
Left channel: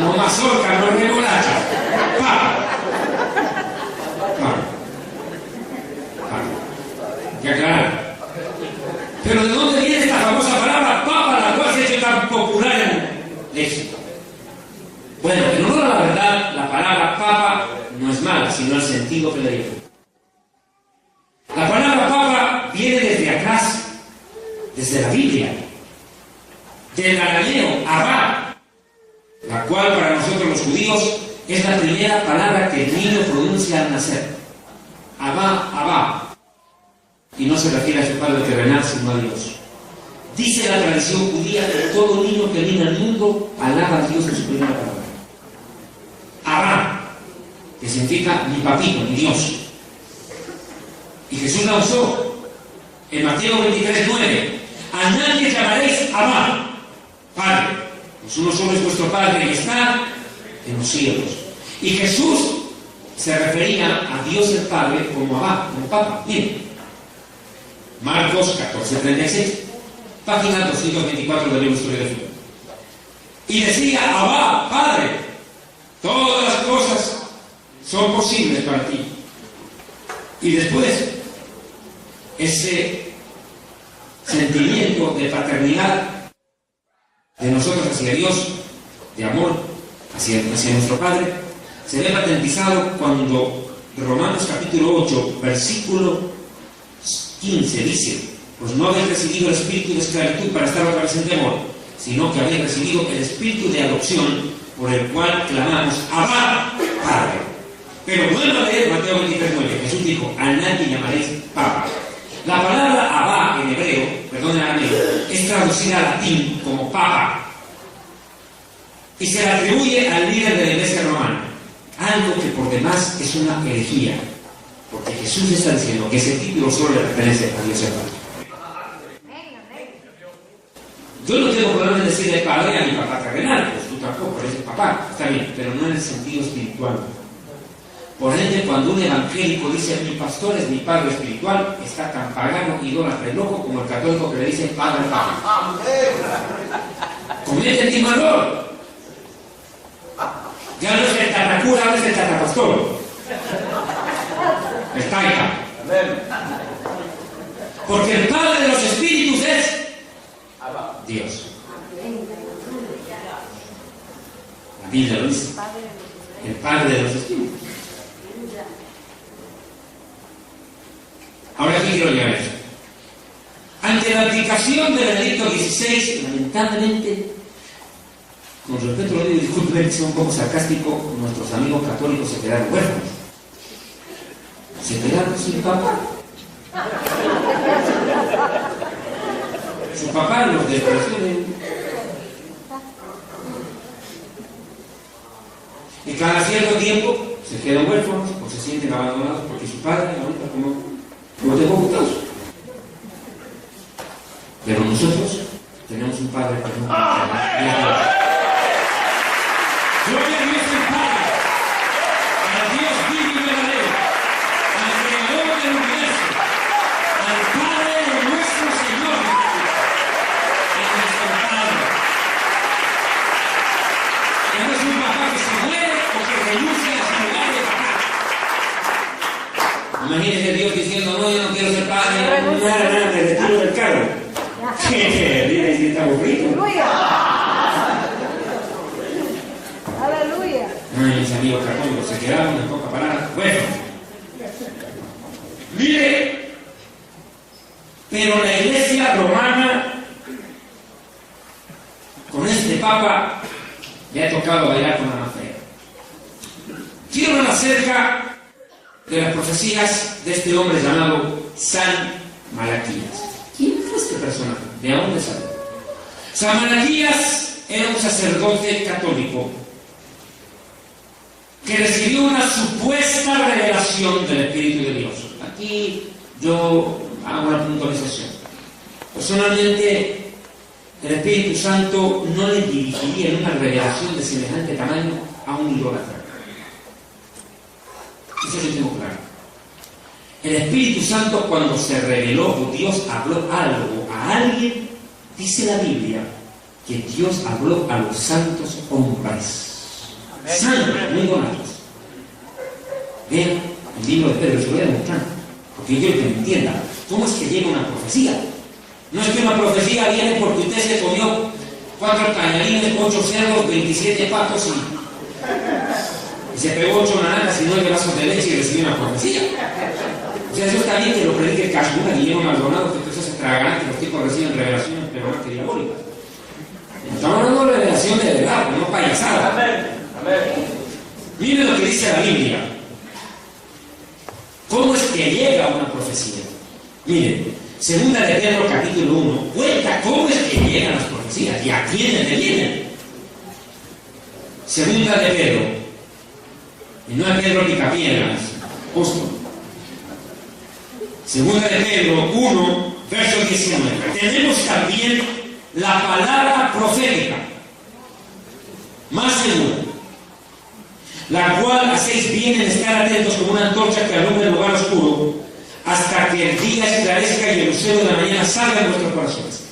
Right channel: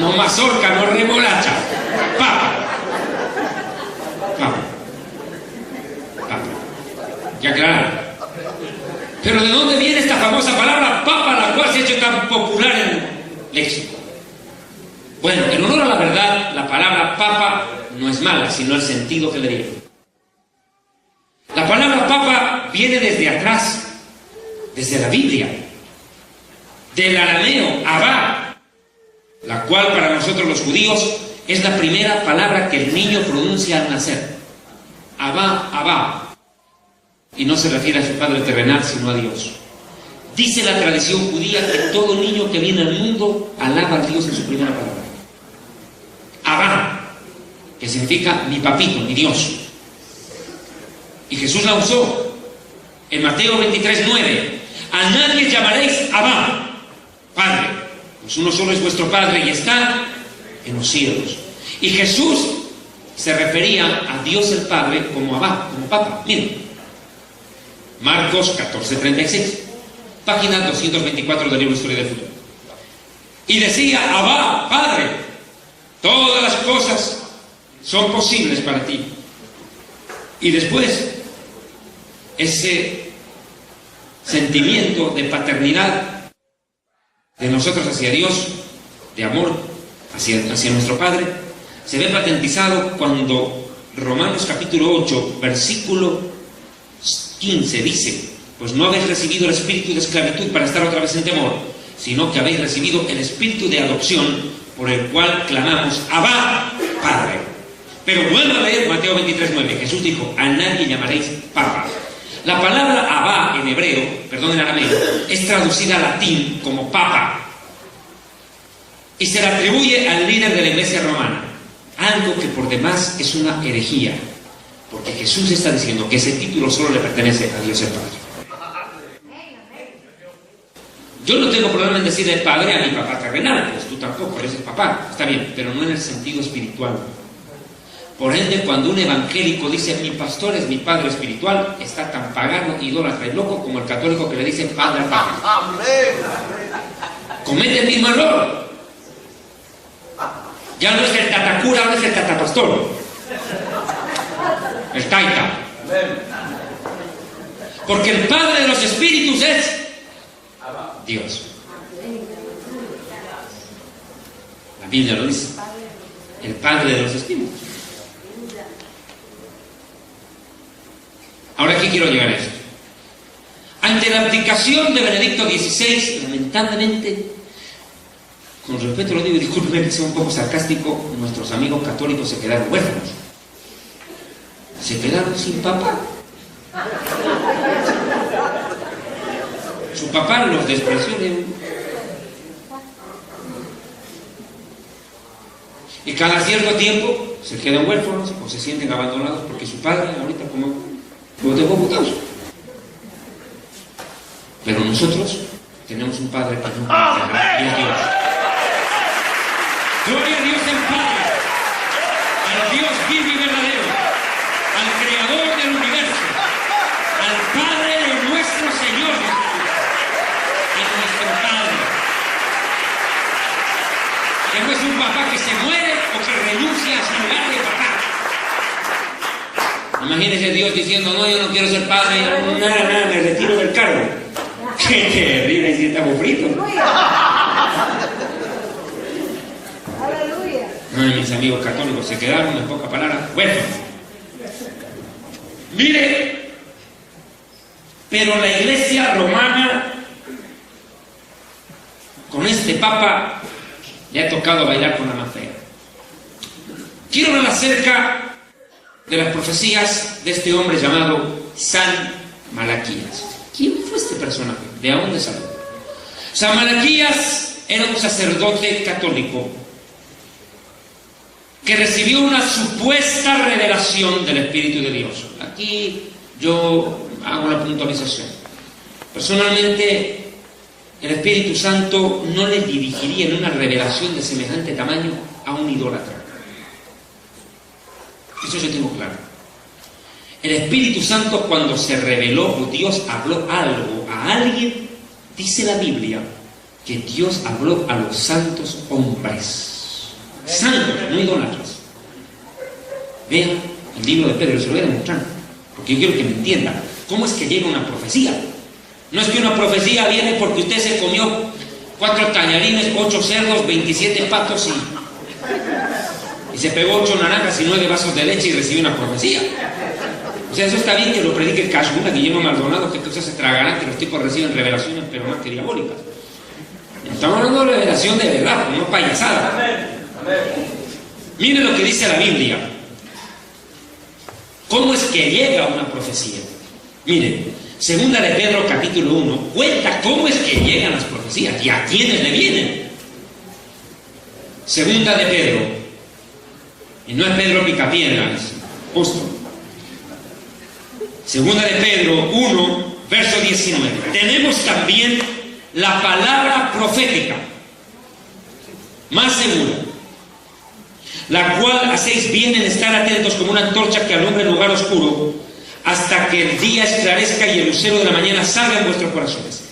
no mazorca, no remolacha, papa. Papa. Papa. Ya claro. Pero ¿de dónde viene esta famosa palabra papa, la cual se ha hecho tan popular en el léxico? Bueno, en honor a la verdad, la palabra papa no es mala, sino el sentido que le dio. La palabra papa viene desde atrás, desde la Biblia, del arameo abba, la cual para nosotros los judíos es la primera palabra que el niño pronuncia al nacer. Abba, abba. Y no se refiere a su padre terrenal, sino a Dios. Dice la tradición judía que todo niño que viene al mundo alaba a Dios en su primera palabra. Abba, que significa mi papito, mi Dios. Y Jesús la usó en Mateo 23:9. A nadie llamaréis Abba, Padre, pues uno solo es vuestro Padre y está en los cielos. Y Jesús se refería a Dios el Padre como Abba, como Papa. Miren, Marcos 14:36, página 224 del libro Historia del Futuro. Y decía: Abba, Padre, todas las cosas son posibles para ti. Y después, ese sentimiento de paternidad de nosotros hacia Dios, de amor hacia nuestro Padre, se ve patentizado cuando Romanos capítulo 8, versículo 15 dice: pues no habéis recibido el espíritu de esclavitud para estar otra vez en temor, sino que habéis recibido el espíritu de adopción, por el cual clamamos: Abba, Padre. Pero vuelvo a leer Mateo 23:9. Jesús dijo: a nadie llamaréis Papa. La palabra Abba en hebreo, perdón, en arameo, es traducida al latín como Papa y se le atribuye al líder de la iglesia romana, algo que por demás es una herejía, porque Jesús está diciendo que ese título solo le pertenece a Dios el Padre. Yo no tengo problema en decirle padre a mi papá terrenal, pues tú tampoco, eres el papá, está bien, pero no en el sentido espiritual. Por ende, cuando un evangélico dice mi pastor es mi padre espiritual, está tan pagano, idólatra y loco como el católico que le dice padre al padre. Comete el mismo error. Ya no es el tatacura, ahora es el tatapastor. El taita. Porque el padre de los espíritus es Dios. La Biblia lo dice. El padre de los espíritus. Ahora aquí quiero llegar a esto. Ante la abdicación de Benedicto XVI, lamentablemente, con respeto lo digo, disculpen, soy un poco sarcástico, nuestros amigos católicos se quedaron huérfanos. Se quedaron sin papá. Su papá los despreció. Y cada cierto tiempo se quedan huérfanos o se sienten abandonados porque su padre ahorita como lo tengo ocultados. Pero nosotros tenemos un padre que no puede a Dios. Gloria a Dios el Padre, al Dios vivo y verdadero, al Creador del universo, al Padre de nuestro Señor, a nuestro Padre. Él no es un papá que se muere o que renuncia a su lugar de papá. Imagínese Dios diciendo, no, yo no quiero ser padre, nada, me retiro del cargo. Que ríe si estamos fritos. Ay, mis amigos católicos se quedaron en pocas palabras. Bueno, mire, pero la Iglesia romana, con este Papa, le ha tocado bailar con la más fea. Quiero hablar acerca de las profecías de este hombre llamado San Malaquías. ¿Quién fue este personaje? ¿De dónde salió? San Malaquías era un sacerdote católico que recibió una supuesta revelación del Espíritu de Dios. Aquí yo hago una puntualización. Personalmente, el Espíritu Santo no le dirigiría en una revelación de semejante tamaño a un idólatra. Eso yo tengo claro. El Espíritu Santo, cuando se reveló o Dios habló algo a alguien, dice la Biblia que Dios habló a los santos hombres. Santos, no idólatras. Vean el libro de Pedro, se lo voy a demostrar, porque yo quiero que me entienda cómo es que llega una profecía. No es que una profecía viene porque usted se comió 4 tallarines, 8 cerdos, 27 patos y se pegó 8 naranjas y 9 vasos de leche y recibió una profecía. O sea, eso está bien que lo predique Cashmuna, Guillermo Maldonado, que entonces se tragarán que los tipos reciben revelaciones, pero no que diabólicas. Estamos hablando de revelación de verdad, no payasada. Mire lo que dice la Biblia. ¿Cómo es que llega una profecía? Mire, segunda de Pedro capítulo 1 cuenta cómo es que llegan las profecías y a quiénes le vienen. Segunda de Pedro, y no es Pedro Picapiedras, justo. Segunda de Pedro 1, verso 19. Tenemos también la palabra profética más segura, la cual hacéis bien en estar atentos como una antorcha que alumbra el lugar oscuro, hasta que el día esclarezca y el lucero de la mañana salga en vuestros corazones.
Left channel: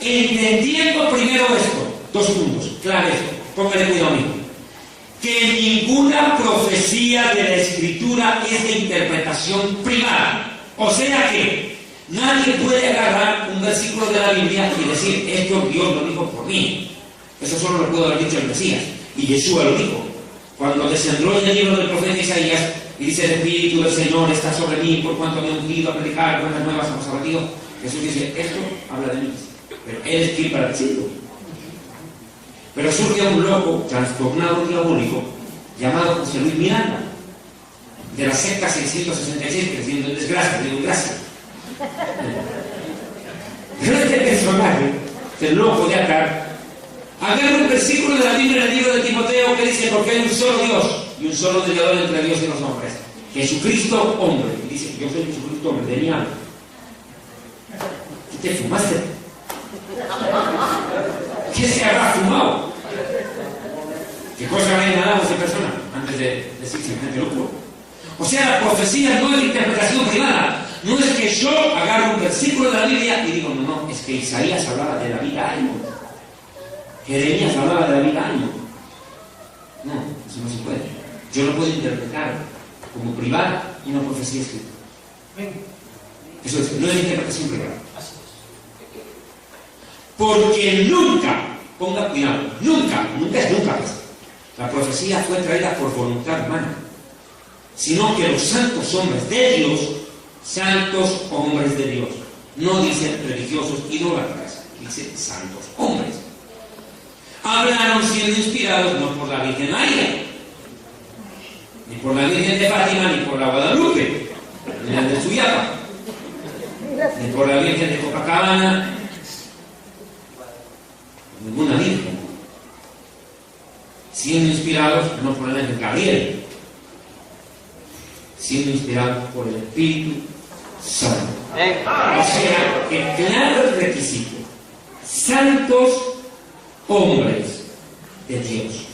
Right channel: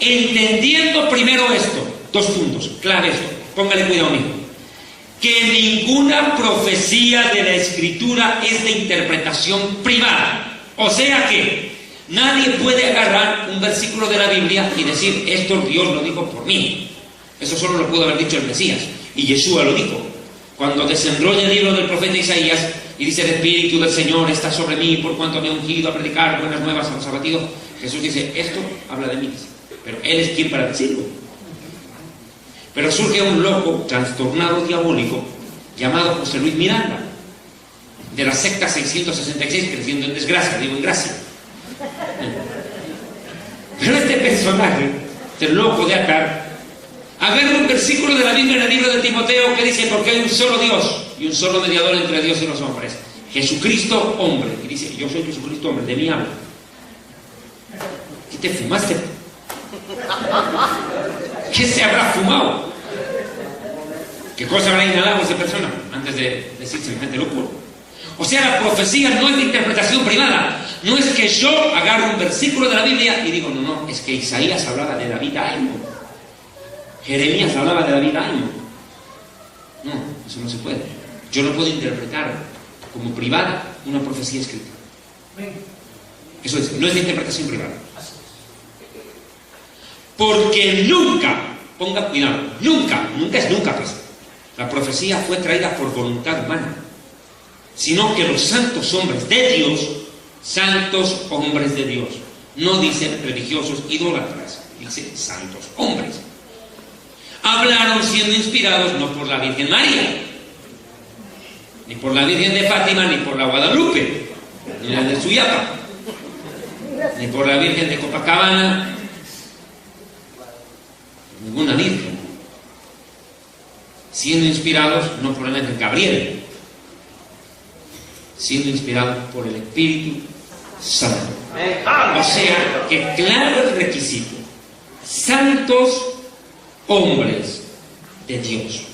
Entendiendo primero esto, 2 puntos, clave esto, póngale cuidado amigo, que ninguna profecía de la Escritura es de interpretación privada. O sea que nadie puede agarrar un versículo de la Biblia y decir, esto Dios lo dijo por mí. Eso solo lo pudo haber dicho el Mesías, y Yeshua lo dijo. Cuando desenrolla el libro del profeta Isaías y dice, el Espíritu del Señor está sobre mí por cuanto me he ungido a predicar buenas nuevas a los abatidos, Jesús dice, esto habla de mí, pero Él es quien para decirlo. Pero surge un loco, trastornado, diabólico, llamado José Luis Miranda, de la secta 666, creciendo en desgracia, digo en gracia. Pero este personaje, este loco de acá, agarra un versículo de la Biblia en el libro de Timoteo que dice, porque hay un solo Dios y un solo mediador entre Dios y los hombres, Jesucristo hombre. Y dice, yo soy Jesucristo hombre, de mí habla. ¿Qué te fumaste? ¿Qué se habrá fumado? ¿Qué cosa habrá inhalado esa persona antes de decir semejante locura? O sea, la profecía no es de interpretación privada. No es que yo agarro un versículo de la Biblia y digo, no, es que Isaías hablaba de David año. Jeremías hablaba de David año. No, eso no se puede. Yo no puedo interpretar como privada una profecía escrita. Eso no es de interpretación privada. Porque nunca, ponga cuidado, nunca es nunca, pues, la profecía fue traída por voluntad humana, sino que los santos hombres de Dios, santos hombres de Dios, no dicen religiosos idólatras, dicen santos hombres, hablaron siendo inspirados no por la Virgen María, ni por la Virgen de Fátima, ni por la Guadalupe, ni la de Suyapa, ni por la Virgen de Copacabana, ninguna virgen, siendo inspirados no por el ángel Gabriel, siendo inspirados por el Espíritu Santo. O sea, que claro el requisito: santos hombres de Dios,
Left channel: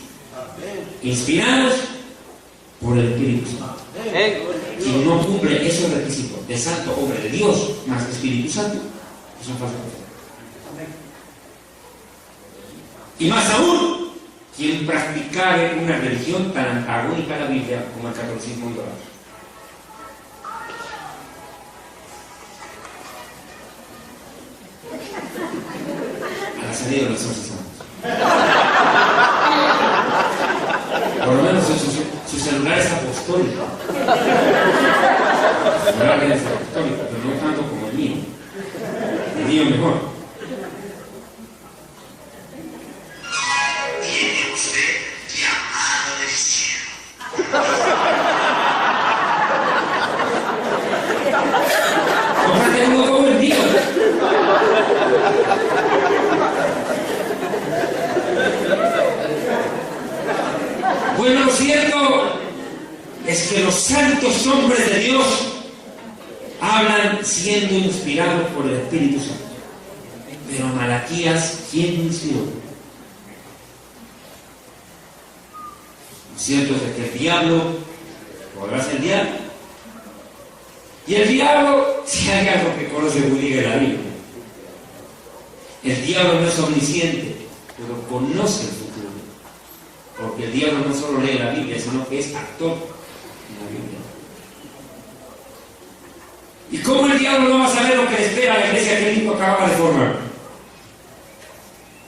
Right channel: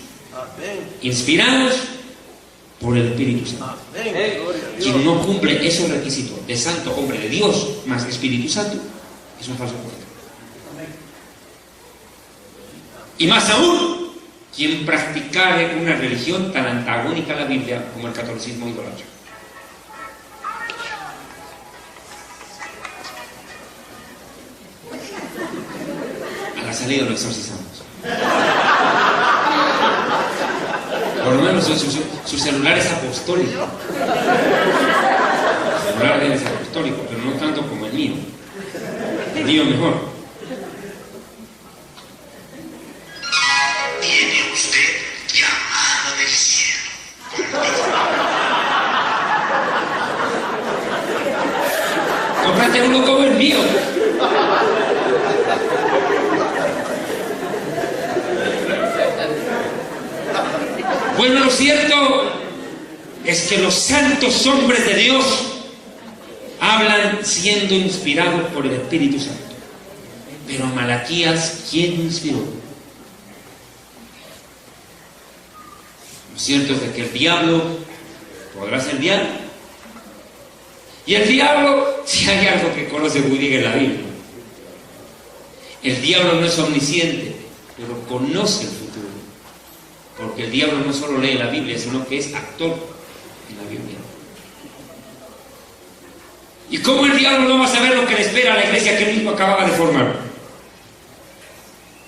inspirados por el Espíritu Santo. Quien no cumple esos requisitos de santo hombre de Dios más de Espíritu Santo es un falso profeta. Y más aún, quien practicare una religión tan antagónica a la Biblia como el catolicismo idólatra. A la salida de los exorcizamos. Por lo menos su celular es apostólico. Su celular es apostólico, pero no tanto como el mío. El mío mejor. Cómprate uno como el mío. Bueno, lo cierto es que los santos hombres de Dios hablan siendo inspirados por el Espíritu Santo. Pero Malaquías, ¿quién lo inspiró? Lo cierto es que el diablo podrá ser diablo. Y el diablo, si hay algo que conoce muy bien en la Biblia, el diablo no es omnisciente, pero conoce el futuro. Porque el diablo no solo lee la Biblia, sino que es actor en la Biblia. ¿Y cómo el diablo no va a saber lo que le espera a la iglesia que él mismo acababa de formar?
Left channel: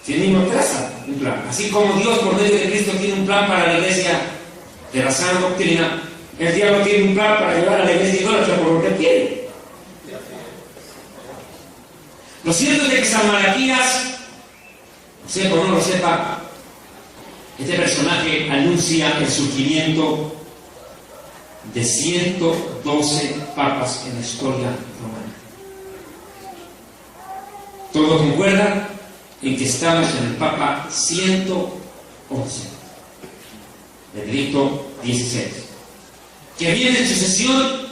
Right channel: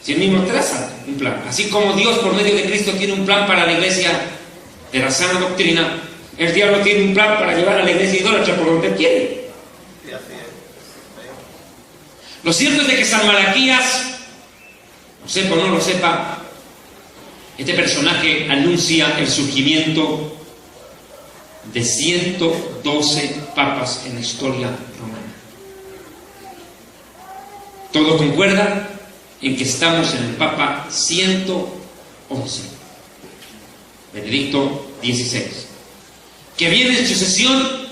Si él mismo traza un plan. Así como Dios por medio de Cristo tiene un plan para la iglesia de la sana doctrina, el diablo tiene un plan para llevar a la iglesia idólatra por donde quiere. Lo cierto es de que San Malaquías, lo sepa o no lo sepa, este personaje anuncia el surgimiento de 112 papas en la historia romana. Todo concuerda en que estamos en el Papa 111, Benedicto XVI, que viene en sucesión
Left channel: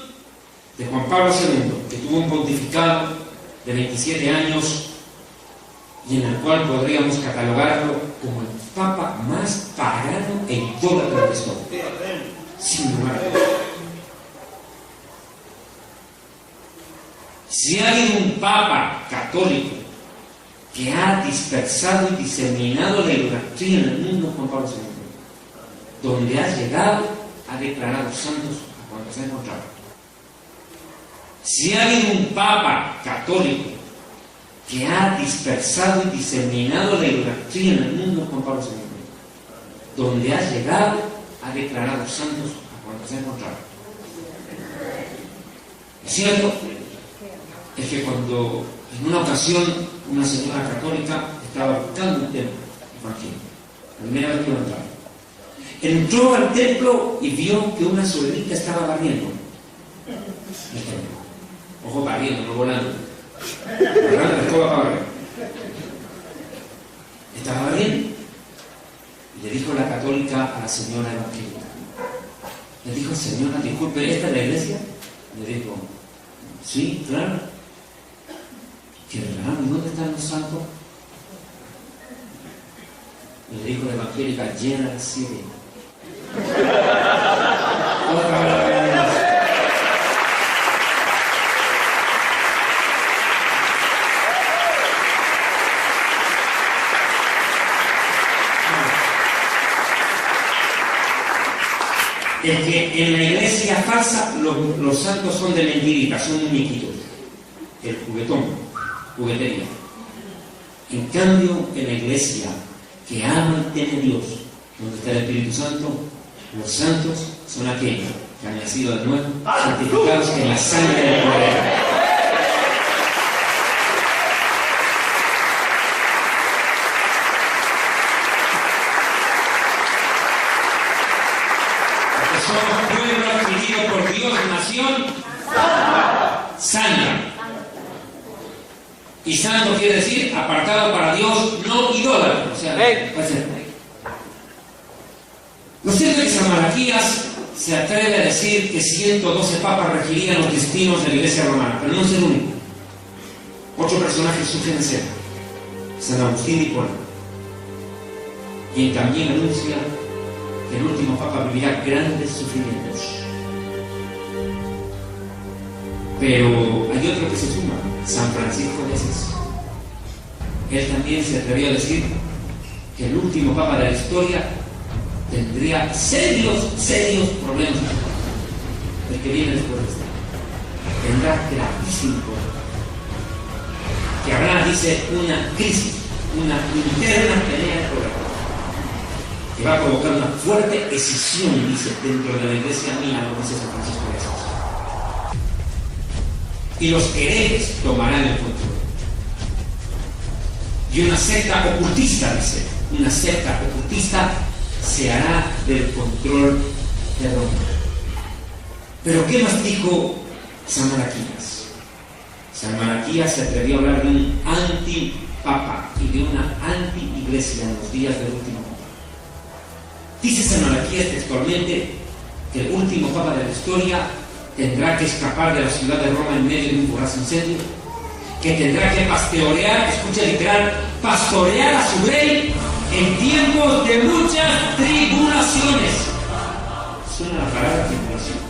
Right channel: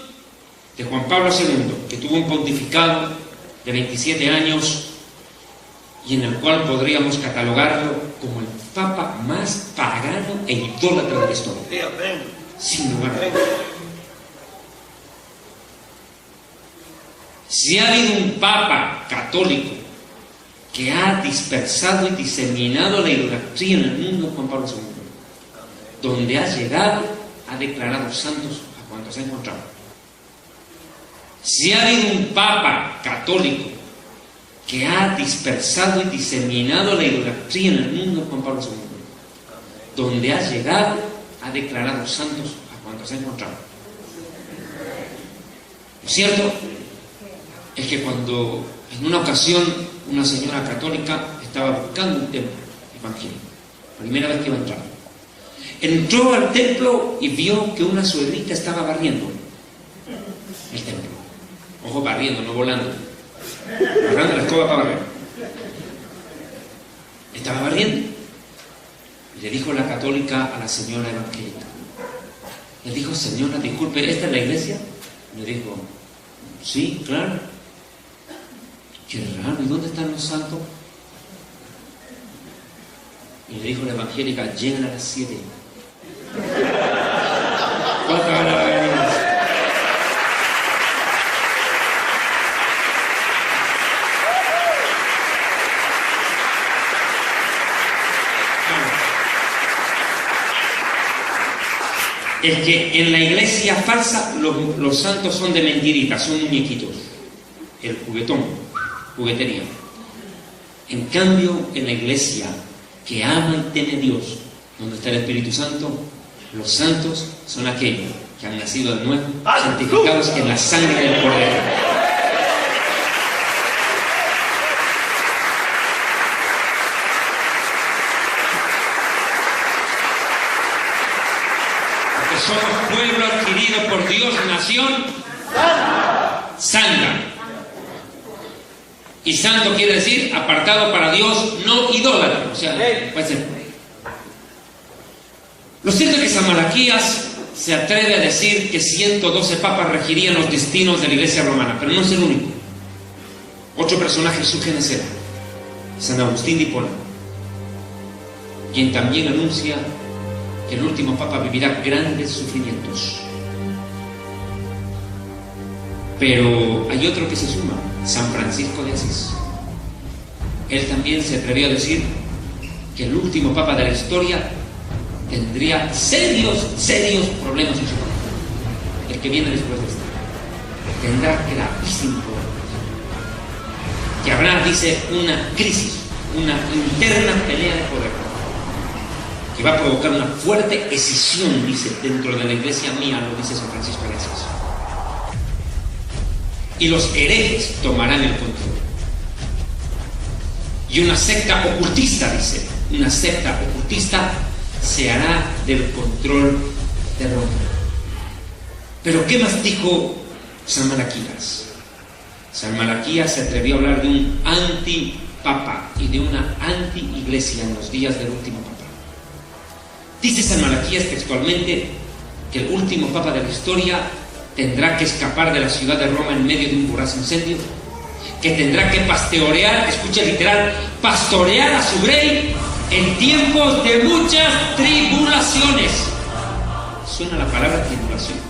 de Juan Pablo II, que tuvo un pontificado de 27 años y en el cual podríamos catalogarlo como el Papa más pagano e idólatra de la historia, sin lugar a dudas. Si ha habido un Papa católico que ha dispersado y diseminado la idolatría en el mundo, Juan Pablo II, donde ha llegado, ha declarado santos a cuantos ha encontrado. Si ha habido un Papa católico que ha dispersado y diseminado la idolatría en el mundo, Juan Pablo II, donde ha llegado, ha declarado santos a cuantos ha encontrado. Lo cierto es que cuando en una ocasión una señora católica estaba buscando un templo evangélico, la primera vez que iba a entrar, entró al templo y vio que una suegrita estaba barriendo el templo. Ojo, barriendo, no volando. Agarrando la escoba para barrer. Estaba barriendo. Y le dijo la católica a la señora evangélica. Le dijo: señora, disculpe, ¿esta es la iglesia? Le dijo: sí, claro. Qué raro, ¿y dónde están los santos? Y le dijo la evangélica: llegan a las 7. Es que en la iglesia falsa los santos son de mentiritas, son muñequitos. El juguetón, juguetería. En cambio, en la iglesia que ama y teme a Dios, donde está el Espíritu Santo, los santos son aquellos que han nacido de nuevo, santificados en la sangre del Cordero. Somos pueblo adquirido por Dios, nación santa. Y santo quiere decir apartado para Dios, no idólatra. O sea, puede ser. Lo cierto es que San Malaquías se atreve a decir que 112 papas regirían los destinos de la Iglesia romana, pero no es el único. Otro personaje surge en escena, San Agustín de Hipona, quien también anuncia que el último Papa vivirá grandes sufrimientos. Pero hay otro que se suma, San Francisco de Asís. Él también se atrevió a decir que el último Papa de la historia tendría serios problemas. El que viene después de este tendrá gravísimo problema. Que habrá, dice, una crisis, una interna pelea de poder, que va a provocar una fuerte escisión, dice, dentro de la iglesia mía, lo dice San Francisco de Asís. Y los herejes tomarán el control. Y una secta ocultista, dice, una secta ocultista se hará del control de Roma. Pero ¿qué más dijo San Malaquías? San Malaquías se atrevió a hablar de un antipapa y de una anti-iglesia en los días del último papa. Dice San Malaquías textualmente que el último papa de la historia tendrá que escapar de la ciudad de Roma en medio de un voraz incendio, que tendrá que pastorear, escucha literal, pastorear a su rey en tiempos de muchas tribulaciones. Suena la palabra tribulación.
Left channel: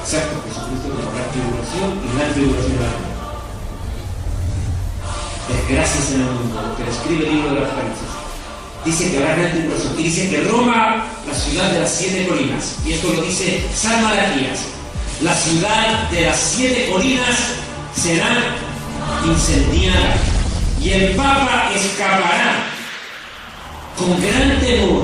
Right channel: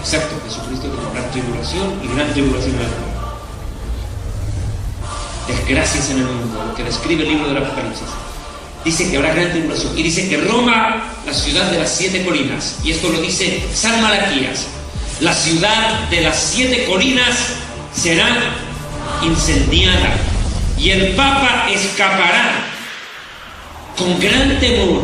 Exacto, Jesucristo que habrá tribulación y gran tribulación en la vida. Desgracias en el mundo, lo que describe el libro del Apocalipsis. Dice que habrá gran tribulación y dice que Roma, la ciudad de las 7 colinas, y esto lo dice San Malaquías, la ciudad de las 7 colinas será incendiada y el Papa escapará con gran temor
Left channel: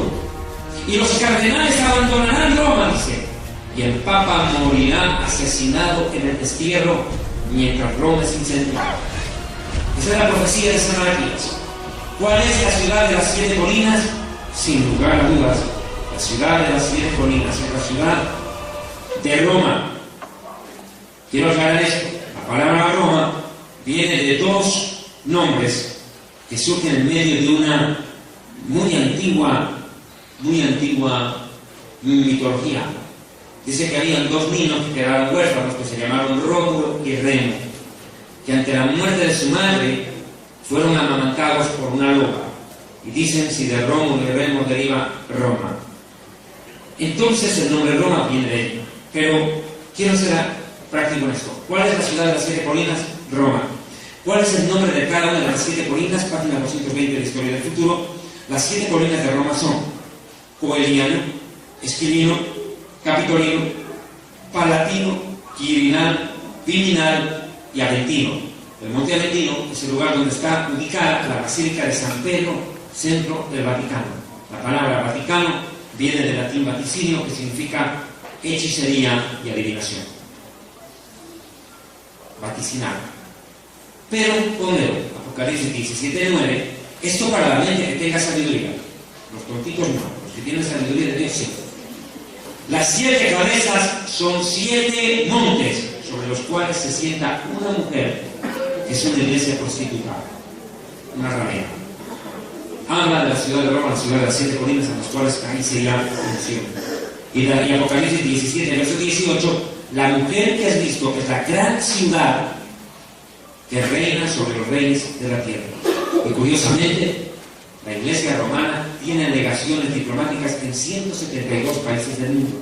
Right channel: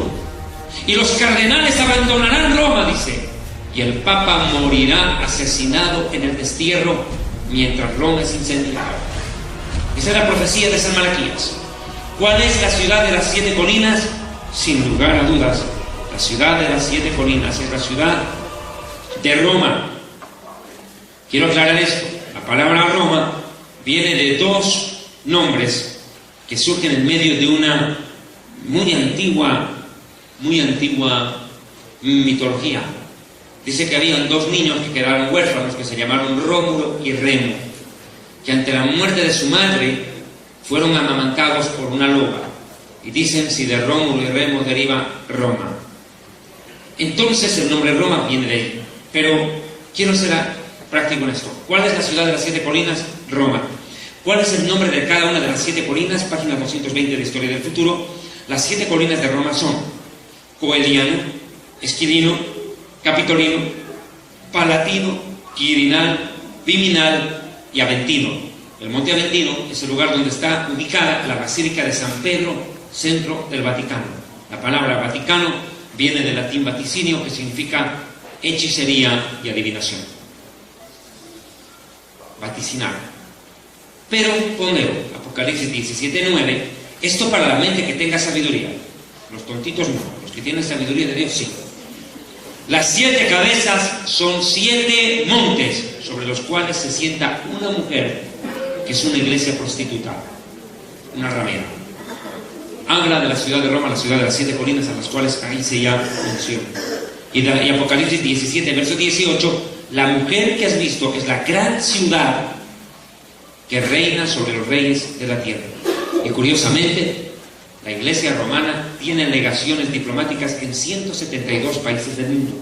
y los cardenales abandonarán Roma, dice, y el Papa morirá asesinado en el destierro mientras Roma es incendiada. Esa es la profecía de San Malaquías. ¿Cuál es la ciudad de las 7 colinas? Sin lugar a dudas, la ciudad de las 7 colinas es la ciudad de Roma. Quiero aclarar esto. La palabra Roma viene de 2 nombres que surgen en medio de una muy antigua mitología. Dice que habían 2 niños que quedaron huérfanos, que se llamaron Rómulo y Remo, que ante la muerte de su madre fueron amamantados por una loba, y dicen si de Rómulo y Remo deriva Roma. Entonces el nombre Roma viene de él. Pero quiero ser práctico en esto. ¿Cuál es la ciudad de las 7 colinas? Roma. ¿Cuál es el nombre de cada una de las 7 colinas? Página 220 de la Historia del Futuro. Las 7 colinas de Roma son Coeliano, Esquilino, Capitolino, Palatino, Quirinal, Viminal y Aventino. El monte Aventino es el lugar donde está ubicada la Basílica de San Pedro, centro del Vaticano. La palabra Vaticano viene del latín vaticinio, que significa hechicería y adivinación. Vaticinar. Pero poneo, Apocalipsis 17:9, esto para la mente que tenga sabiduría. Los tontitos no, los que tienen sabiduría de Dios sí. Las 7 cabezas son 7 montes sobre los cuales se sienta una mujer que es una iglesia prostituta, una ramera. Habla de la ciudad de Roma, la ciudad de las 7 colinas, a las cuales ahí se llama mención. Y Apocalipsis 17, verso 18, la mujer que has visto es la gran ciudad que reina sobre los reyes de la tierra. Y curiosamente, la iglesia romana tiene legaciones diplomáticas en 172 países del mundo.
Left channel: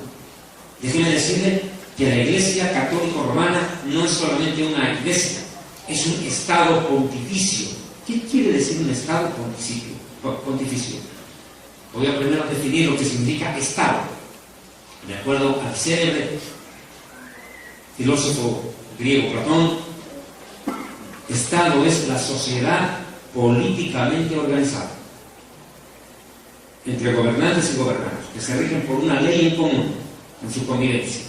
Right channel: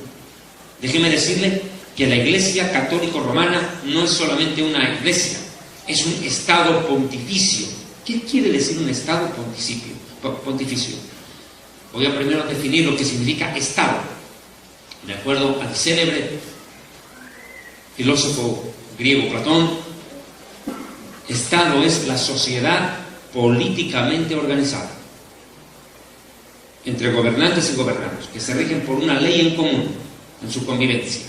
Déjeme decirle que la iglesia católico romana no es solamente una iglesia, es un estado pontificio. ¿Qué quiere decir un estado pontificio? Voy a primero definir lo que significa estado. De acuerdo al célebre filósofo griego Platón, Estado es la sociedad políticamente organizada entre gobernantes y gobernados, que se rigen por una ley en común en su convivencia.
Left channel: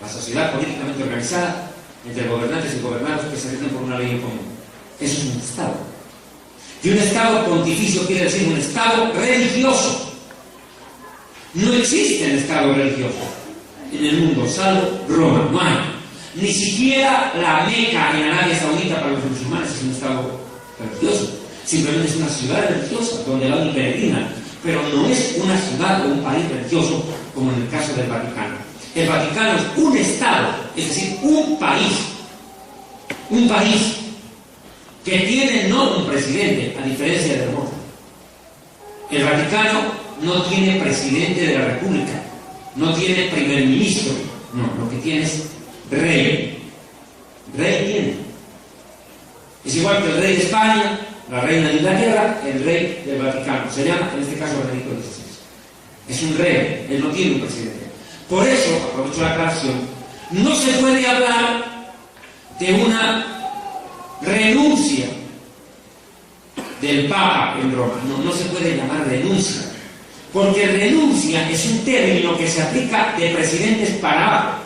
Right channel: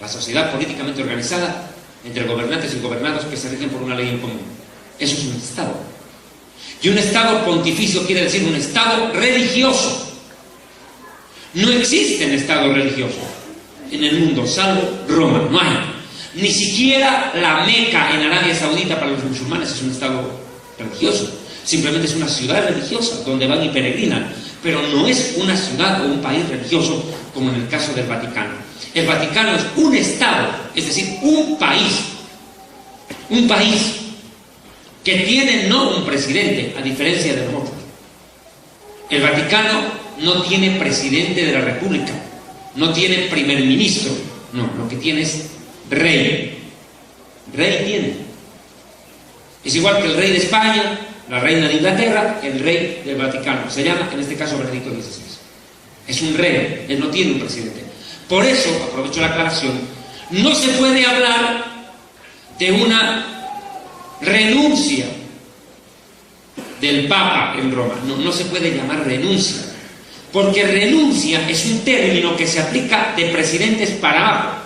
La sociedad políticamente organizada entre gobernantes y gobernados que se rigen por una ley en común. Eso es un Estado. Y un Estado pontificio quiere decir un Estado religioso. No existen estados religiosos en el mundo, salvo Roma. No hay. Ni siquiera la Meca en Arabia Saudita para los musulmanes es un estado religioso. Simplemente es una ciudad religiosa donde van y peregrinan. Pero no es una ciudad o un país religioso como en el caso del Vaticano. El Vaticano es un estado, es decir, un país. Un país que tiene no un presidente, a diferencia de Roma. El Vaticano no tiene presidente de la República, no tiene primer ministro, no, lo que tiene es rey. Rey tiene. Es igual que el rey de España, la reina de Inglaterra, el rey del Vaticano. Se llama, en este caso, Benedicto XVI. Es un rey, él no tiene un presidente. Por eso, aprovecho la aclaración, no se puede hablar de una renuncia del Papa en Roma. No se puede llamar renuncia, porque renuncia es un término que se aplica de presidentes para abajo.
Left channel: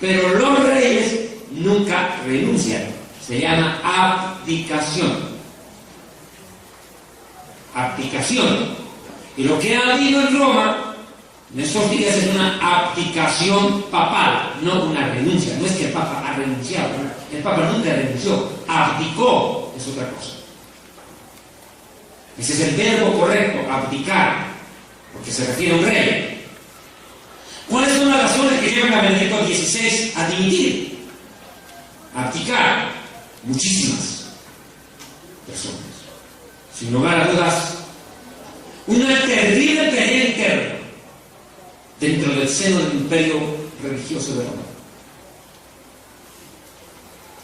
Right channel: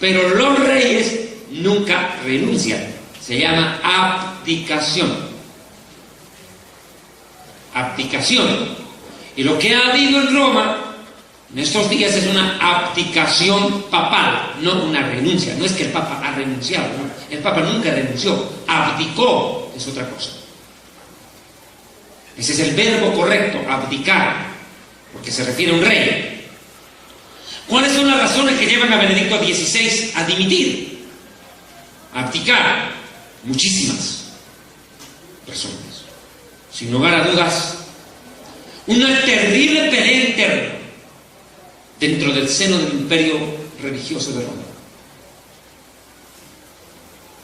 Pero los reyes nunca renuncian. Se llama abdicación. Abdicación. Y lo que ha habido en Roma en estos días es una abdicación papal, no una renuncia. No es que el Papa ha renunciado, ¿no? El Papa nunca renunció, abdicó, es otra cosa. Ese es el verbo correcto, abdicar, porque se refiere a un rey. ¿Cuáles son las razones que llevan a Benedicto XVI a dimitir? A abdicar. Muchísimas razones. Sin lugar a dudas, una terrible pelea interna dentro del seno del imperio religioso de Roma.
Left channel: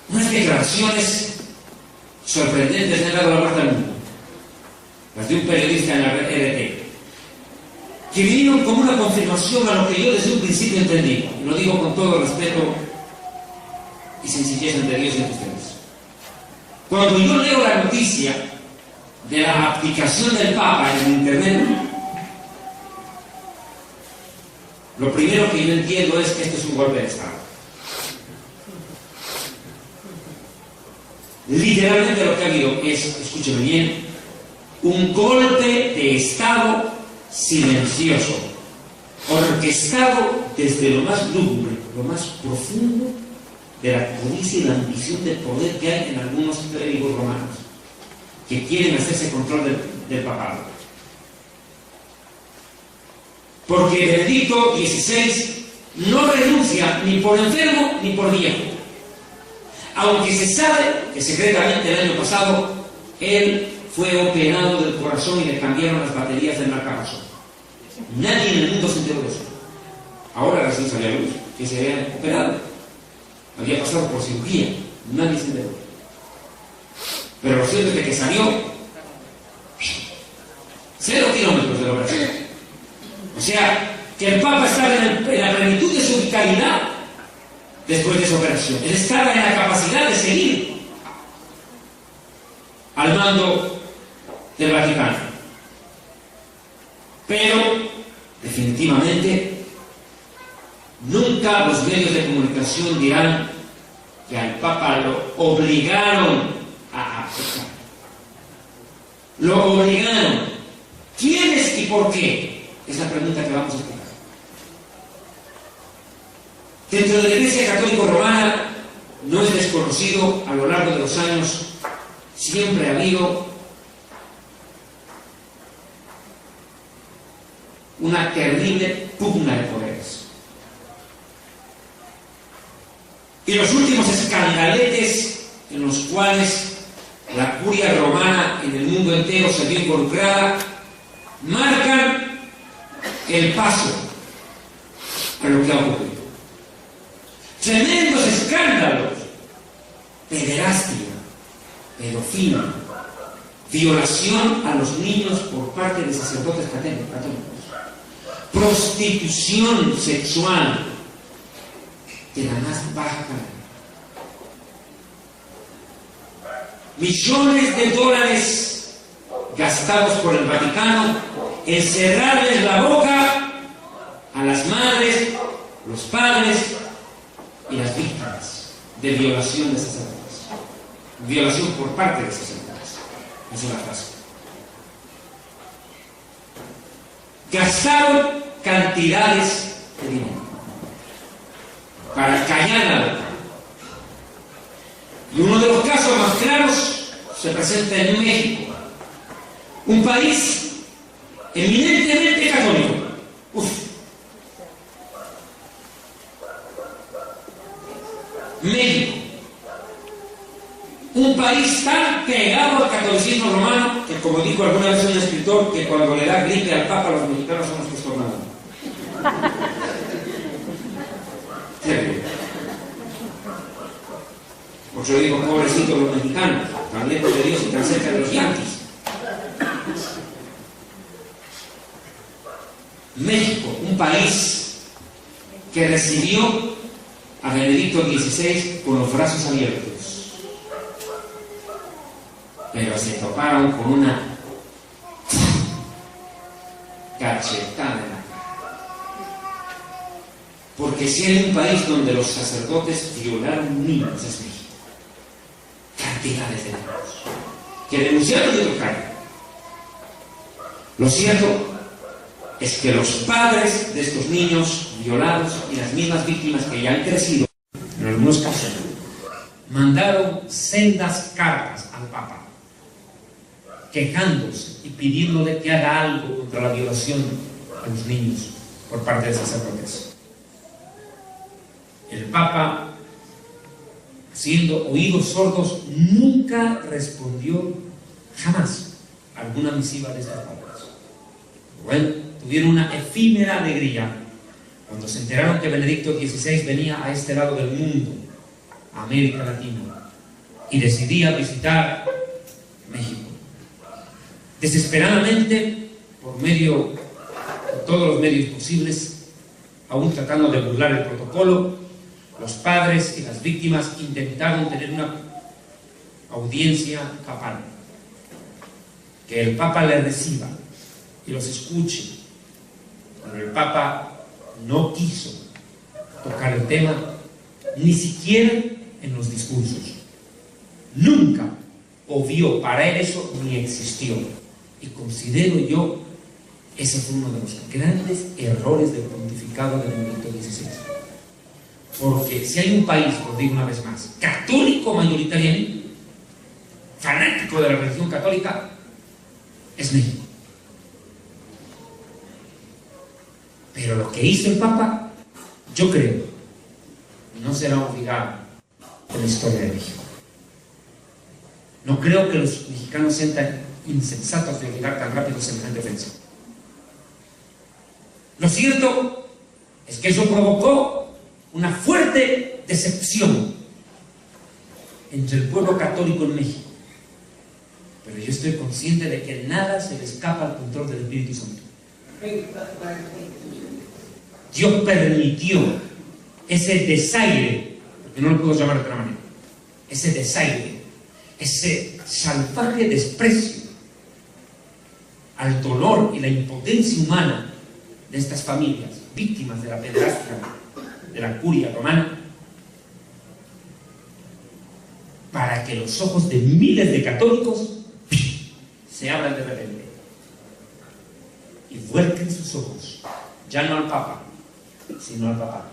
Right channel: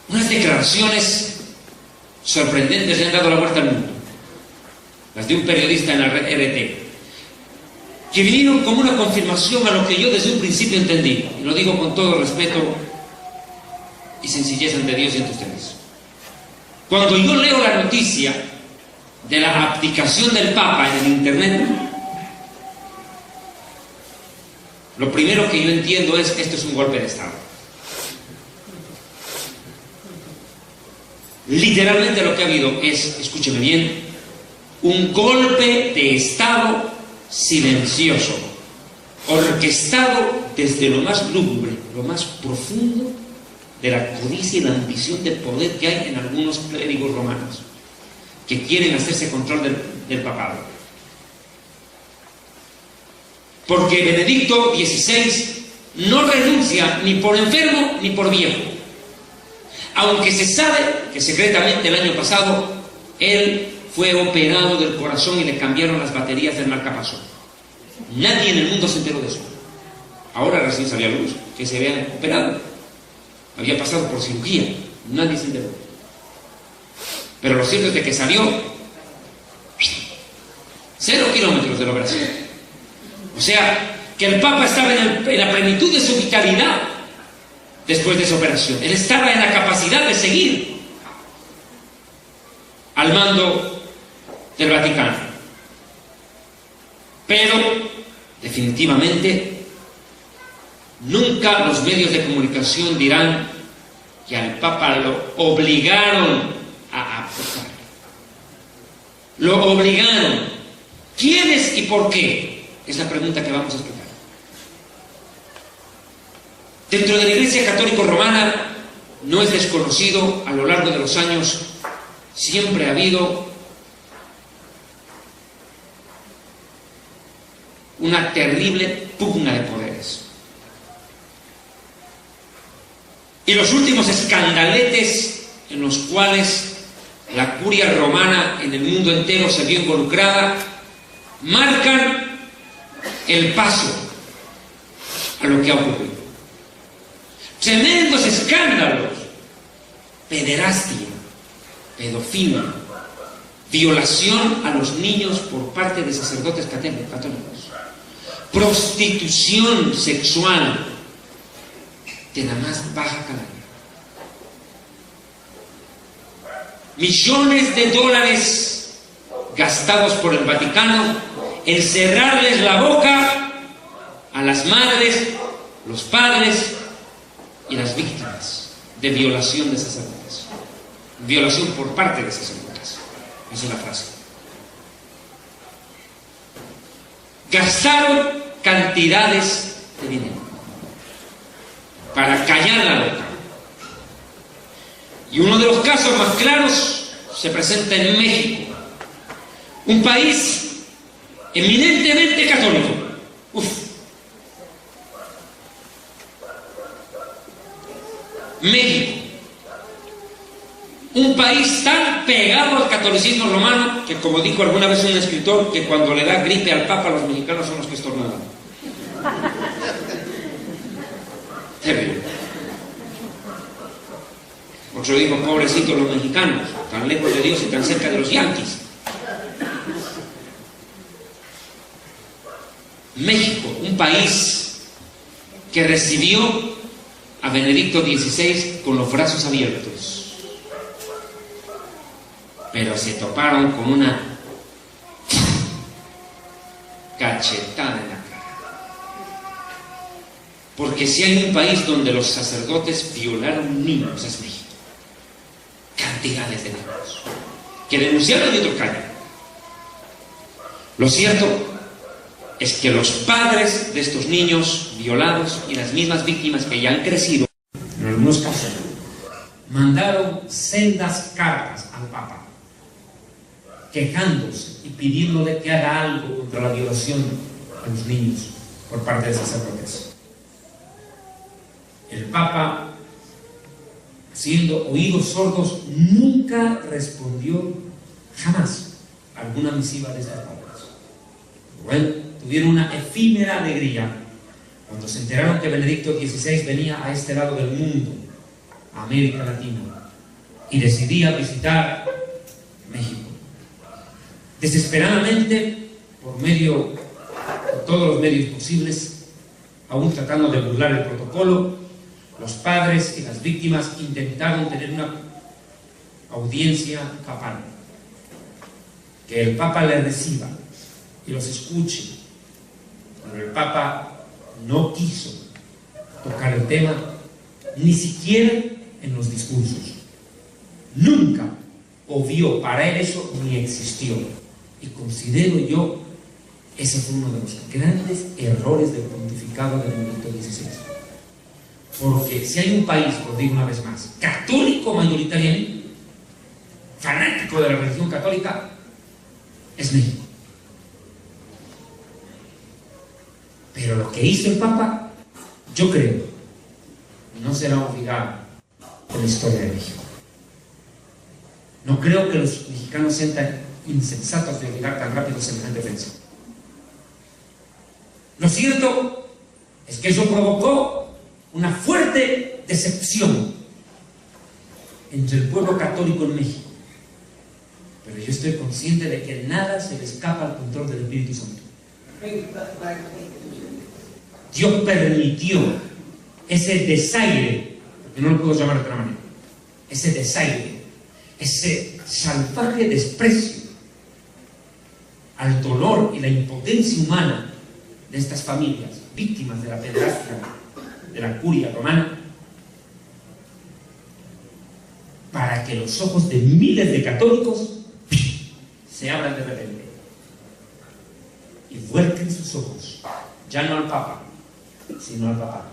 Unas declaraciones sorprendentes le han dado la vuelta al mundo. Las de un periodista en la red RT, que vinieron como una confirmación a lo que yo desde un principio entendí. Y lo digo con todo respeto y sencillez ante Dios y ante ustedes. Cuando yo leo la noticia de la abdicación del Papa en internet, lo primero que yo entiendo es que esto es un golpe de Estado. Literalmente lo que ha habido es, escúcheme bien, un golpe de Estado silencioso, orquestado desde lo más lúgubre, lo más profundo de la codicia y la ambición de poder que hay en algunos clérigos romanos que quieren hacerse control del papado. Porque Benedicto XVI no renuncia ni por enfermo ni por viejo, aunque se sabe que secretamente el año pasado él fue operado del corazón y le cambiaron las baterías del marcapasos. Nadie en el mundo se enteró de eso. Ahora recién salió a luz que se había operado. Había pasado por cirugía. Nadie se enteró. Pero lo cierto es que salió 0 kilómetros de la operación. O sea, que el Papa estaba en la plenitud de su vitalidad después de esa operación. Él estaba en la capacidad de seguir al mando del Vaticano. Pero, definitivamente, nunca los medios de comunicación dirán que al Papa lo obligaron a abdicar. Lo obligaron. ¿Quiénes y por qué? Es la pregunta que vamos a explicar. Dentro de la Iglesia Católica Romana no es desconocido, a lo largo de los años siempre ha habido una terrible pugna de poderes. Y los últimos escandaletes en los cuales la curia romana en el mundo entero se vio involucrada marcan el paso a lo que ha ocurrido. Tremendos escándalos: pederastia, pedofilia, violación a los niños por parte de sacerdotes católicos, prostitución sexual de la más baja calidad. Millones de dólares gastados por el Vaticano en cerrarles la boca a las madres, los padres y las víctimas de violación de sacerdotes. Violación por parte de sacerdotes. Es una frase. Gastaron cantidades de dinero para callar la boca. Y uno de los casos más claros se presenta en México, un país eminentemente católico. México, un país tan pegado al catolicismo romano que, como dijo alguna vez un escritor, que cuando le da gripe al Papa, los mexicanos son los que estornudan. Terrible. Otro dijo, pobrecitos los mexicanos, tan lejos de Dios y tan cerca de los yanquis. México, un país que recibió a Benedicto XVI con los brazos abiertos, pero se toparon con una cachetada en la cara. Porque si hay un país donde los sacerdotes violaron niños, es México. Cantidades de niños que denunciaron y otros callan. Lo cierto es que los padres de estos niños violados y las mismas víctimas que ya han crecido, en algunos casos, mandaron sendas cartas al Papa, quejándose y pidiéndole que haga algo contra la violación a los niños por parte de sacerdotes. El Papa, siendo oídos sordos, nunca respondió jamás a alguna misiva de estas padres. Bueno, tuvieron una efímera alegría cuando se enteraron que Benedicto XVI venía a este lado del mundo, a América Latina, y decidía visitar México. Desesperadamente, por todos los medios posibles, aún tratando de burlar el protocolo, los padres y las víctimas intentaron tener una audiencia papal, que el Papa les reciba y los escuche. Pero el Papa no quiso tocar el tema, ni siquiera en los discursos. Nunca obvió, para él eso ni existió. Y considero yo, ese fue uno de los grandes errores del pontificado de Benedicto XVI. Porque si hay un país, lo digo una vez más, católico mayoritariamente, fanático de la religión católica, es México. Pero lo que hizo el Papa, yo creo, no será olvidado en la historia de México. No creo que los mexicanos sean tan insensatos de olvidar tan rápido semejante ofensa. Lo cierto es que eso provocó una fuerte decepción entre el pueblo católico en México. Pero yo estoy consciente de que nada se le escapa al control del Espíritu Santo. Dios permitió ese desaire, porque no lo puedo llamar de otra manera, ese desaire, ese salvaje desprecio al dolor y la impotencia humana de estas familias, víctimas de la pederastia de la curia romana, para que los ojos de miles de católicos se abran de repente y vuelquen sus ojos, ya no al Papa, sino al Papá.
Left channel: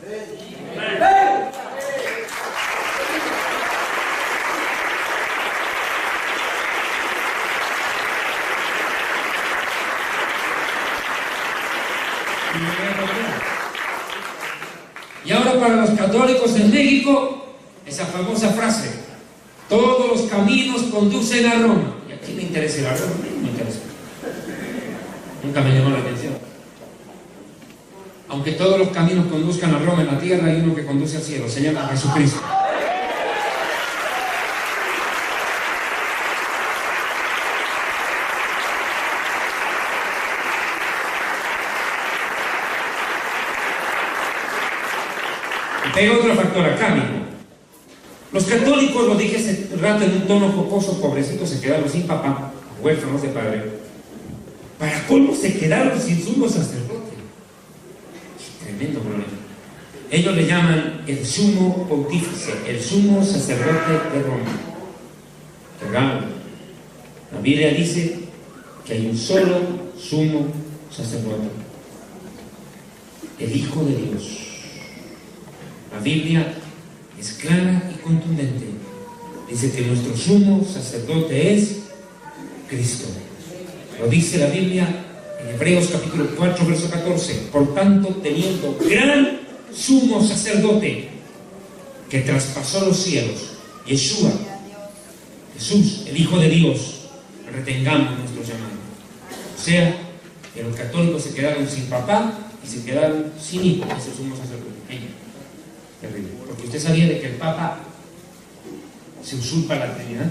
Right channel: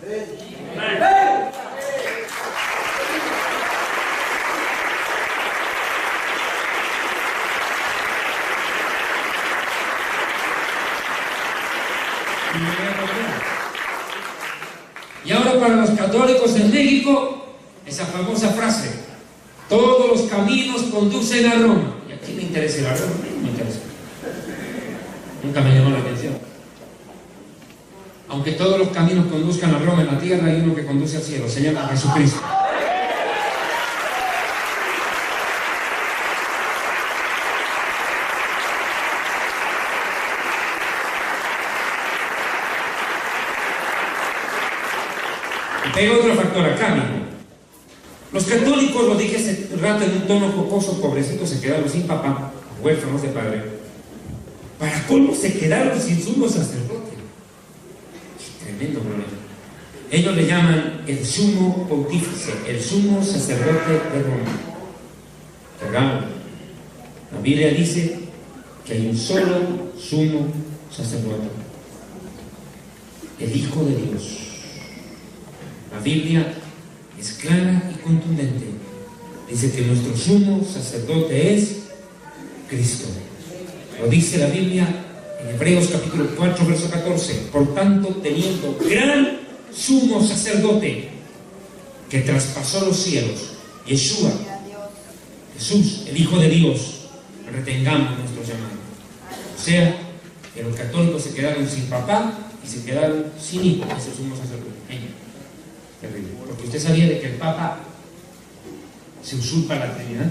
Y ahora para los católicos en México, esa famosa frase, todos los caminos conducen a Roma. ¿Y a quién le interesa ir a Roma? No me interesa. Nunca me llamó la atención. Aunque todos los caminos conduzcan a Roma en la tierra, hay uno que conduce al cielo, se llama Jesucristo. Pero otro factor acá, amigo. Los católicos, lo dije hace rato en un tono jocoso, pobrecitos se quedaron sin papá, huérfanos de padre. Para colmo se quedaron sin sumo sacerdote. Tremendo problema. Ellos le llaman el sumo pontífice, el sumo sacerdote de Roma. Qué raro. La Biblia dice que hay un solo sumo sacerdote, el Hijo de Dios. La Biblia es clara y contundente. Dice que nuestro sumo sacerdote es Cristo. Lo dice la Biblia en Hebreos capítulo 4, verso 14. Por tanto, teniendo gran sumo sacerdote que traspasó los cielos, Yeshua, Jesús, el Hijo de Dios, retengamos nuestro llamado. O sea, que los católicos se quedaron sin papá y se quedaron sin hijo, ese sumo sacerdote. Terrible. Porque usted sabía de que el Papa se usurpa la Trinidad.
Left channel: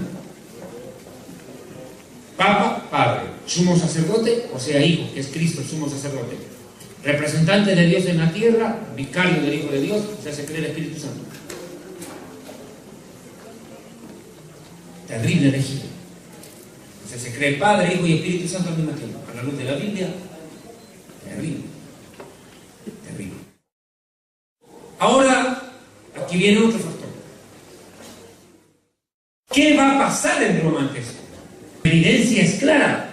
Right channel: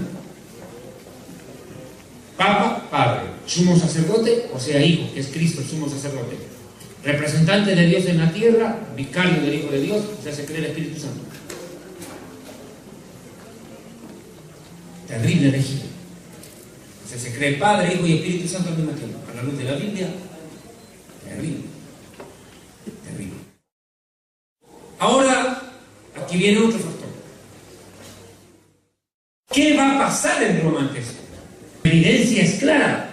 Papa, Padre, sumo sacerdote, o sea, Hijo, que es Cristo, el sumo sacerdote. Representante de Dios en la tierra, vicario del Hijo de Dios, o sea, se cree el Espíritu Santo. Terrible herejía. O sea, se cree el Padre, Hijo y Espíritu Santo al mismo tiempo. A la luz de la Biblia, terrible. Terrible. Ahora, aquí viene otro factor. ¿Qué va a pasar en Roma ante esto? La evidencia es clara.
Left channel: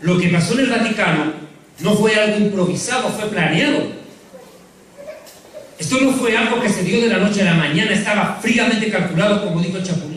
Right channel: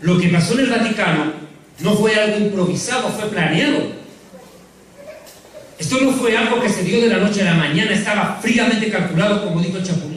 Lo que pasó en el Vaticano no fue algo improvisado, fue planeado. Esto no fue algo que se dio de la noche a la mañana, estaba fríamente calculado, como dijo el Chapulín.